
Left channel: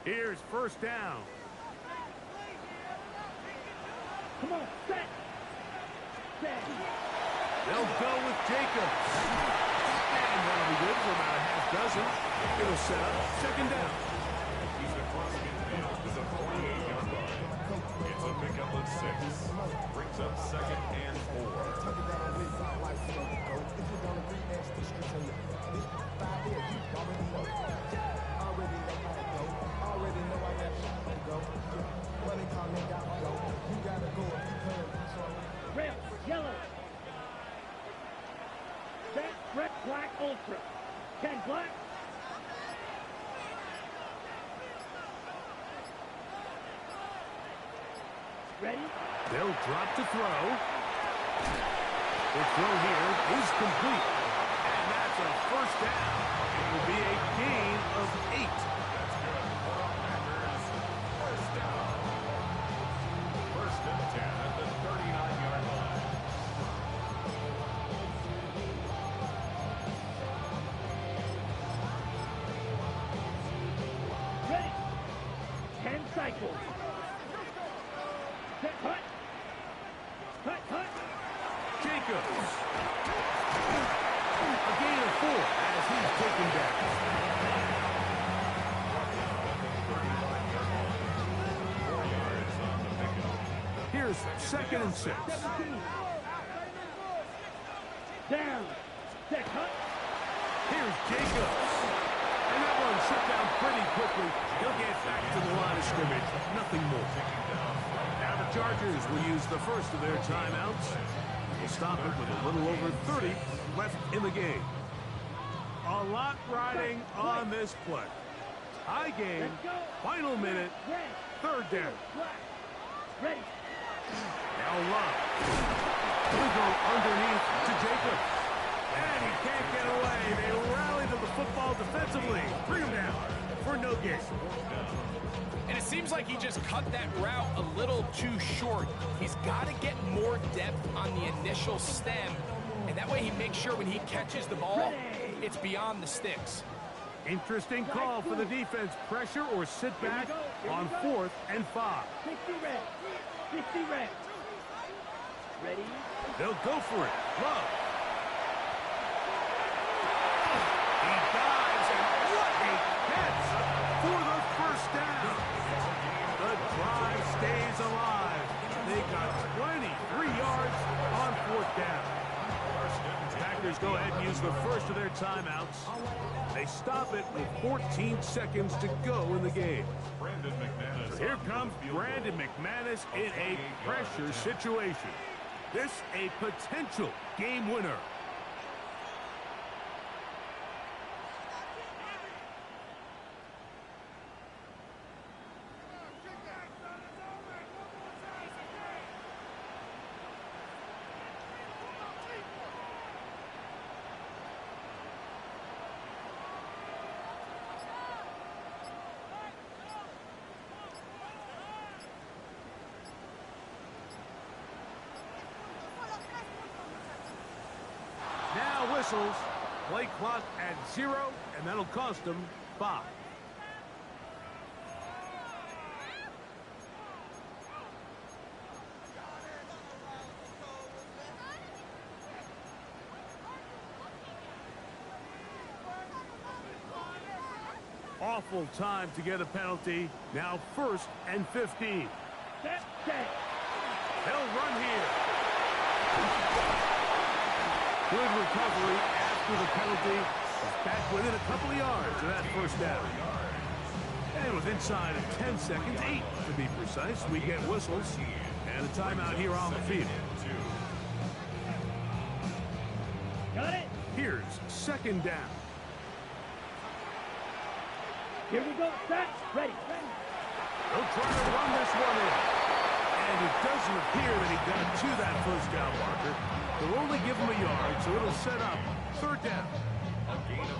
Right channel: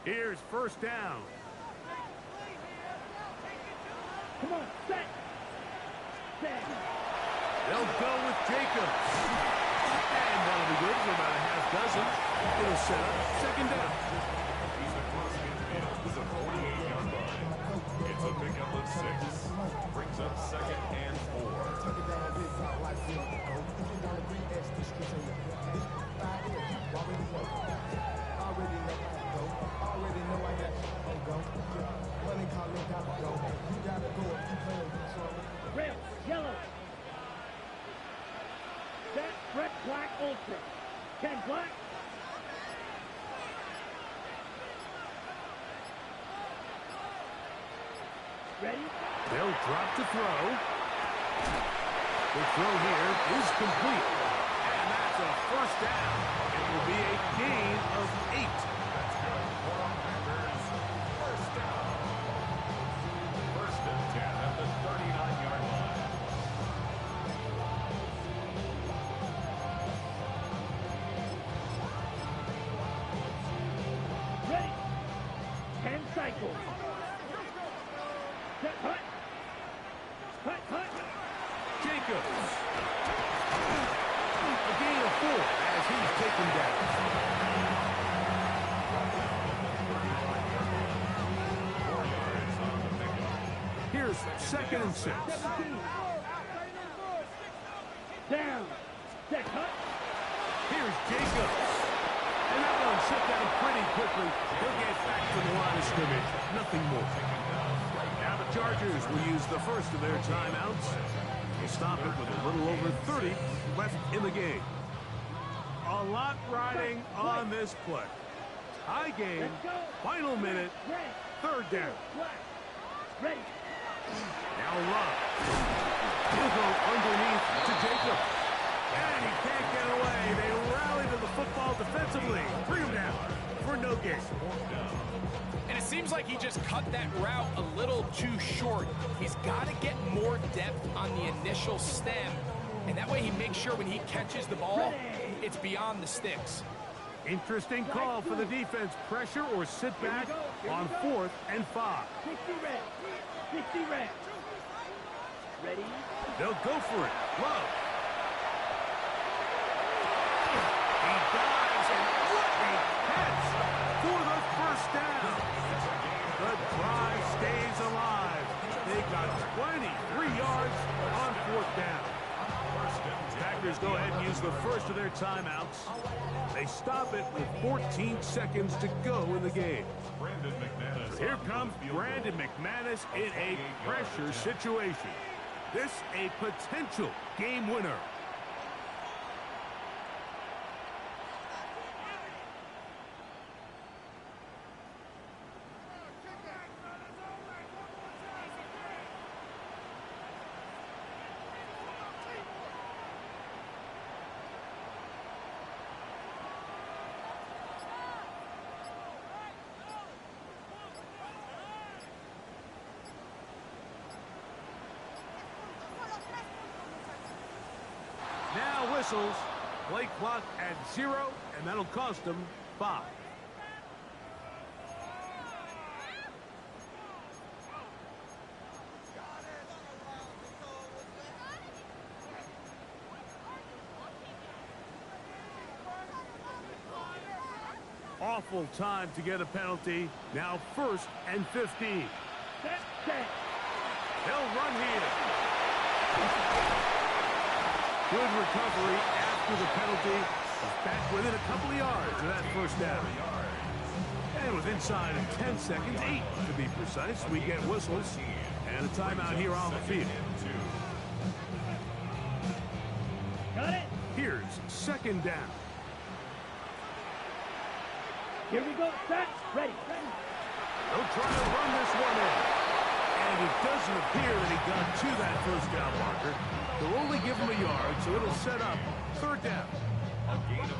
Here's 1st down. Come on, set. Set. They'll go with Jacobs. And that'll be good for about a half dozen. It'll set up 2nd down. He's across midfield to the 48-yard line. It's a pickup of 6. Brings up 2nd and 4. Red, yellow. Set, red, black, ultra. 10 black. Ready? They'll drop to throw. The throw here is complete. And that's a 1st down. It will be a gain of 8. That's good for the Packers. 1st down. 1st and 10 at the 39-yard line. Ready? 10 cycles. Set, cut. Cut, cut. Jacobs. A gain of 4 as he's taken down. Here's 2nd and 6. 17. Down. Set, cut. Here's Jacobs. And that one shut down pretty quickly. He'll get back to the line of scrimmage. Nothing more. Now the Chargers will use the first of their timeouts. They'll stop it with a little over 30 left in the game. A lot riding on this play. High game, final minute, Red. 3rd down. Black. Ready. Now Love. He'll go underneath to Jacobs. And he can't get away. They rally to the football defensively. Bring him down for no gain. And it seems like he just cut that route a little too short. He's got to get more depth on the initial stem. And that way he makes sure when he catches the ball, it's beyond the sticks. Interesting call for the defense. Pressure or sit back on 4th and 5. 60 red. 60 red. Ready? They'll go for it. Love. He dives, and what a catch for the 1st down. The drive stays alive. They got 23 yards on 4th down. Packers go ahead and use the first of their timeouts. They stop it with 14 seconds to go in the game. Here comes Brandon McManus in a pressure situation. This a potential game winner. whistles. Play clock at 0, and that'll cost them 5. Awful time to get a penalty. Now 1st and 15. Set. They'll run here. Good recovery after the penalty. He's back within a couple of yards of that first down. And with inside of 10 seconds, 8 to be precise, we get whistles and a timeout here on the field. Got it. Here's 2nd down. Here we go. Set. Ready. They'll try to run this one in. And it doesn't appear that he got to that first down marker. They'll only give him a yard, so it'll set up 3rd down.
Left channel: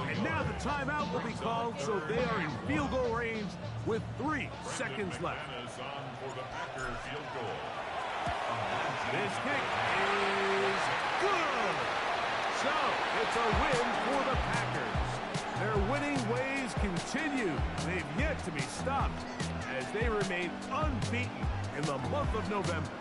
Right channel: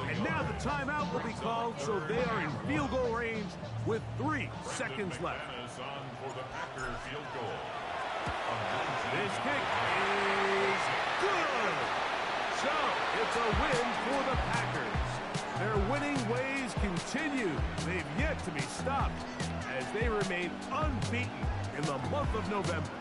And now the timeout will be called, so they are in field goal range with 3 seconds left. This kick is good. So it's a win for the Packers. Their winning ways continue. They've yet to be stopped as they remain unbeaten in the month of November.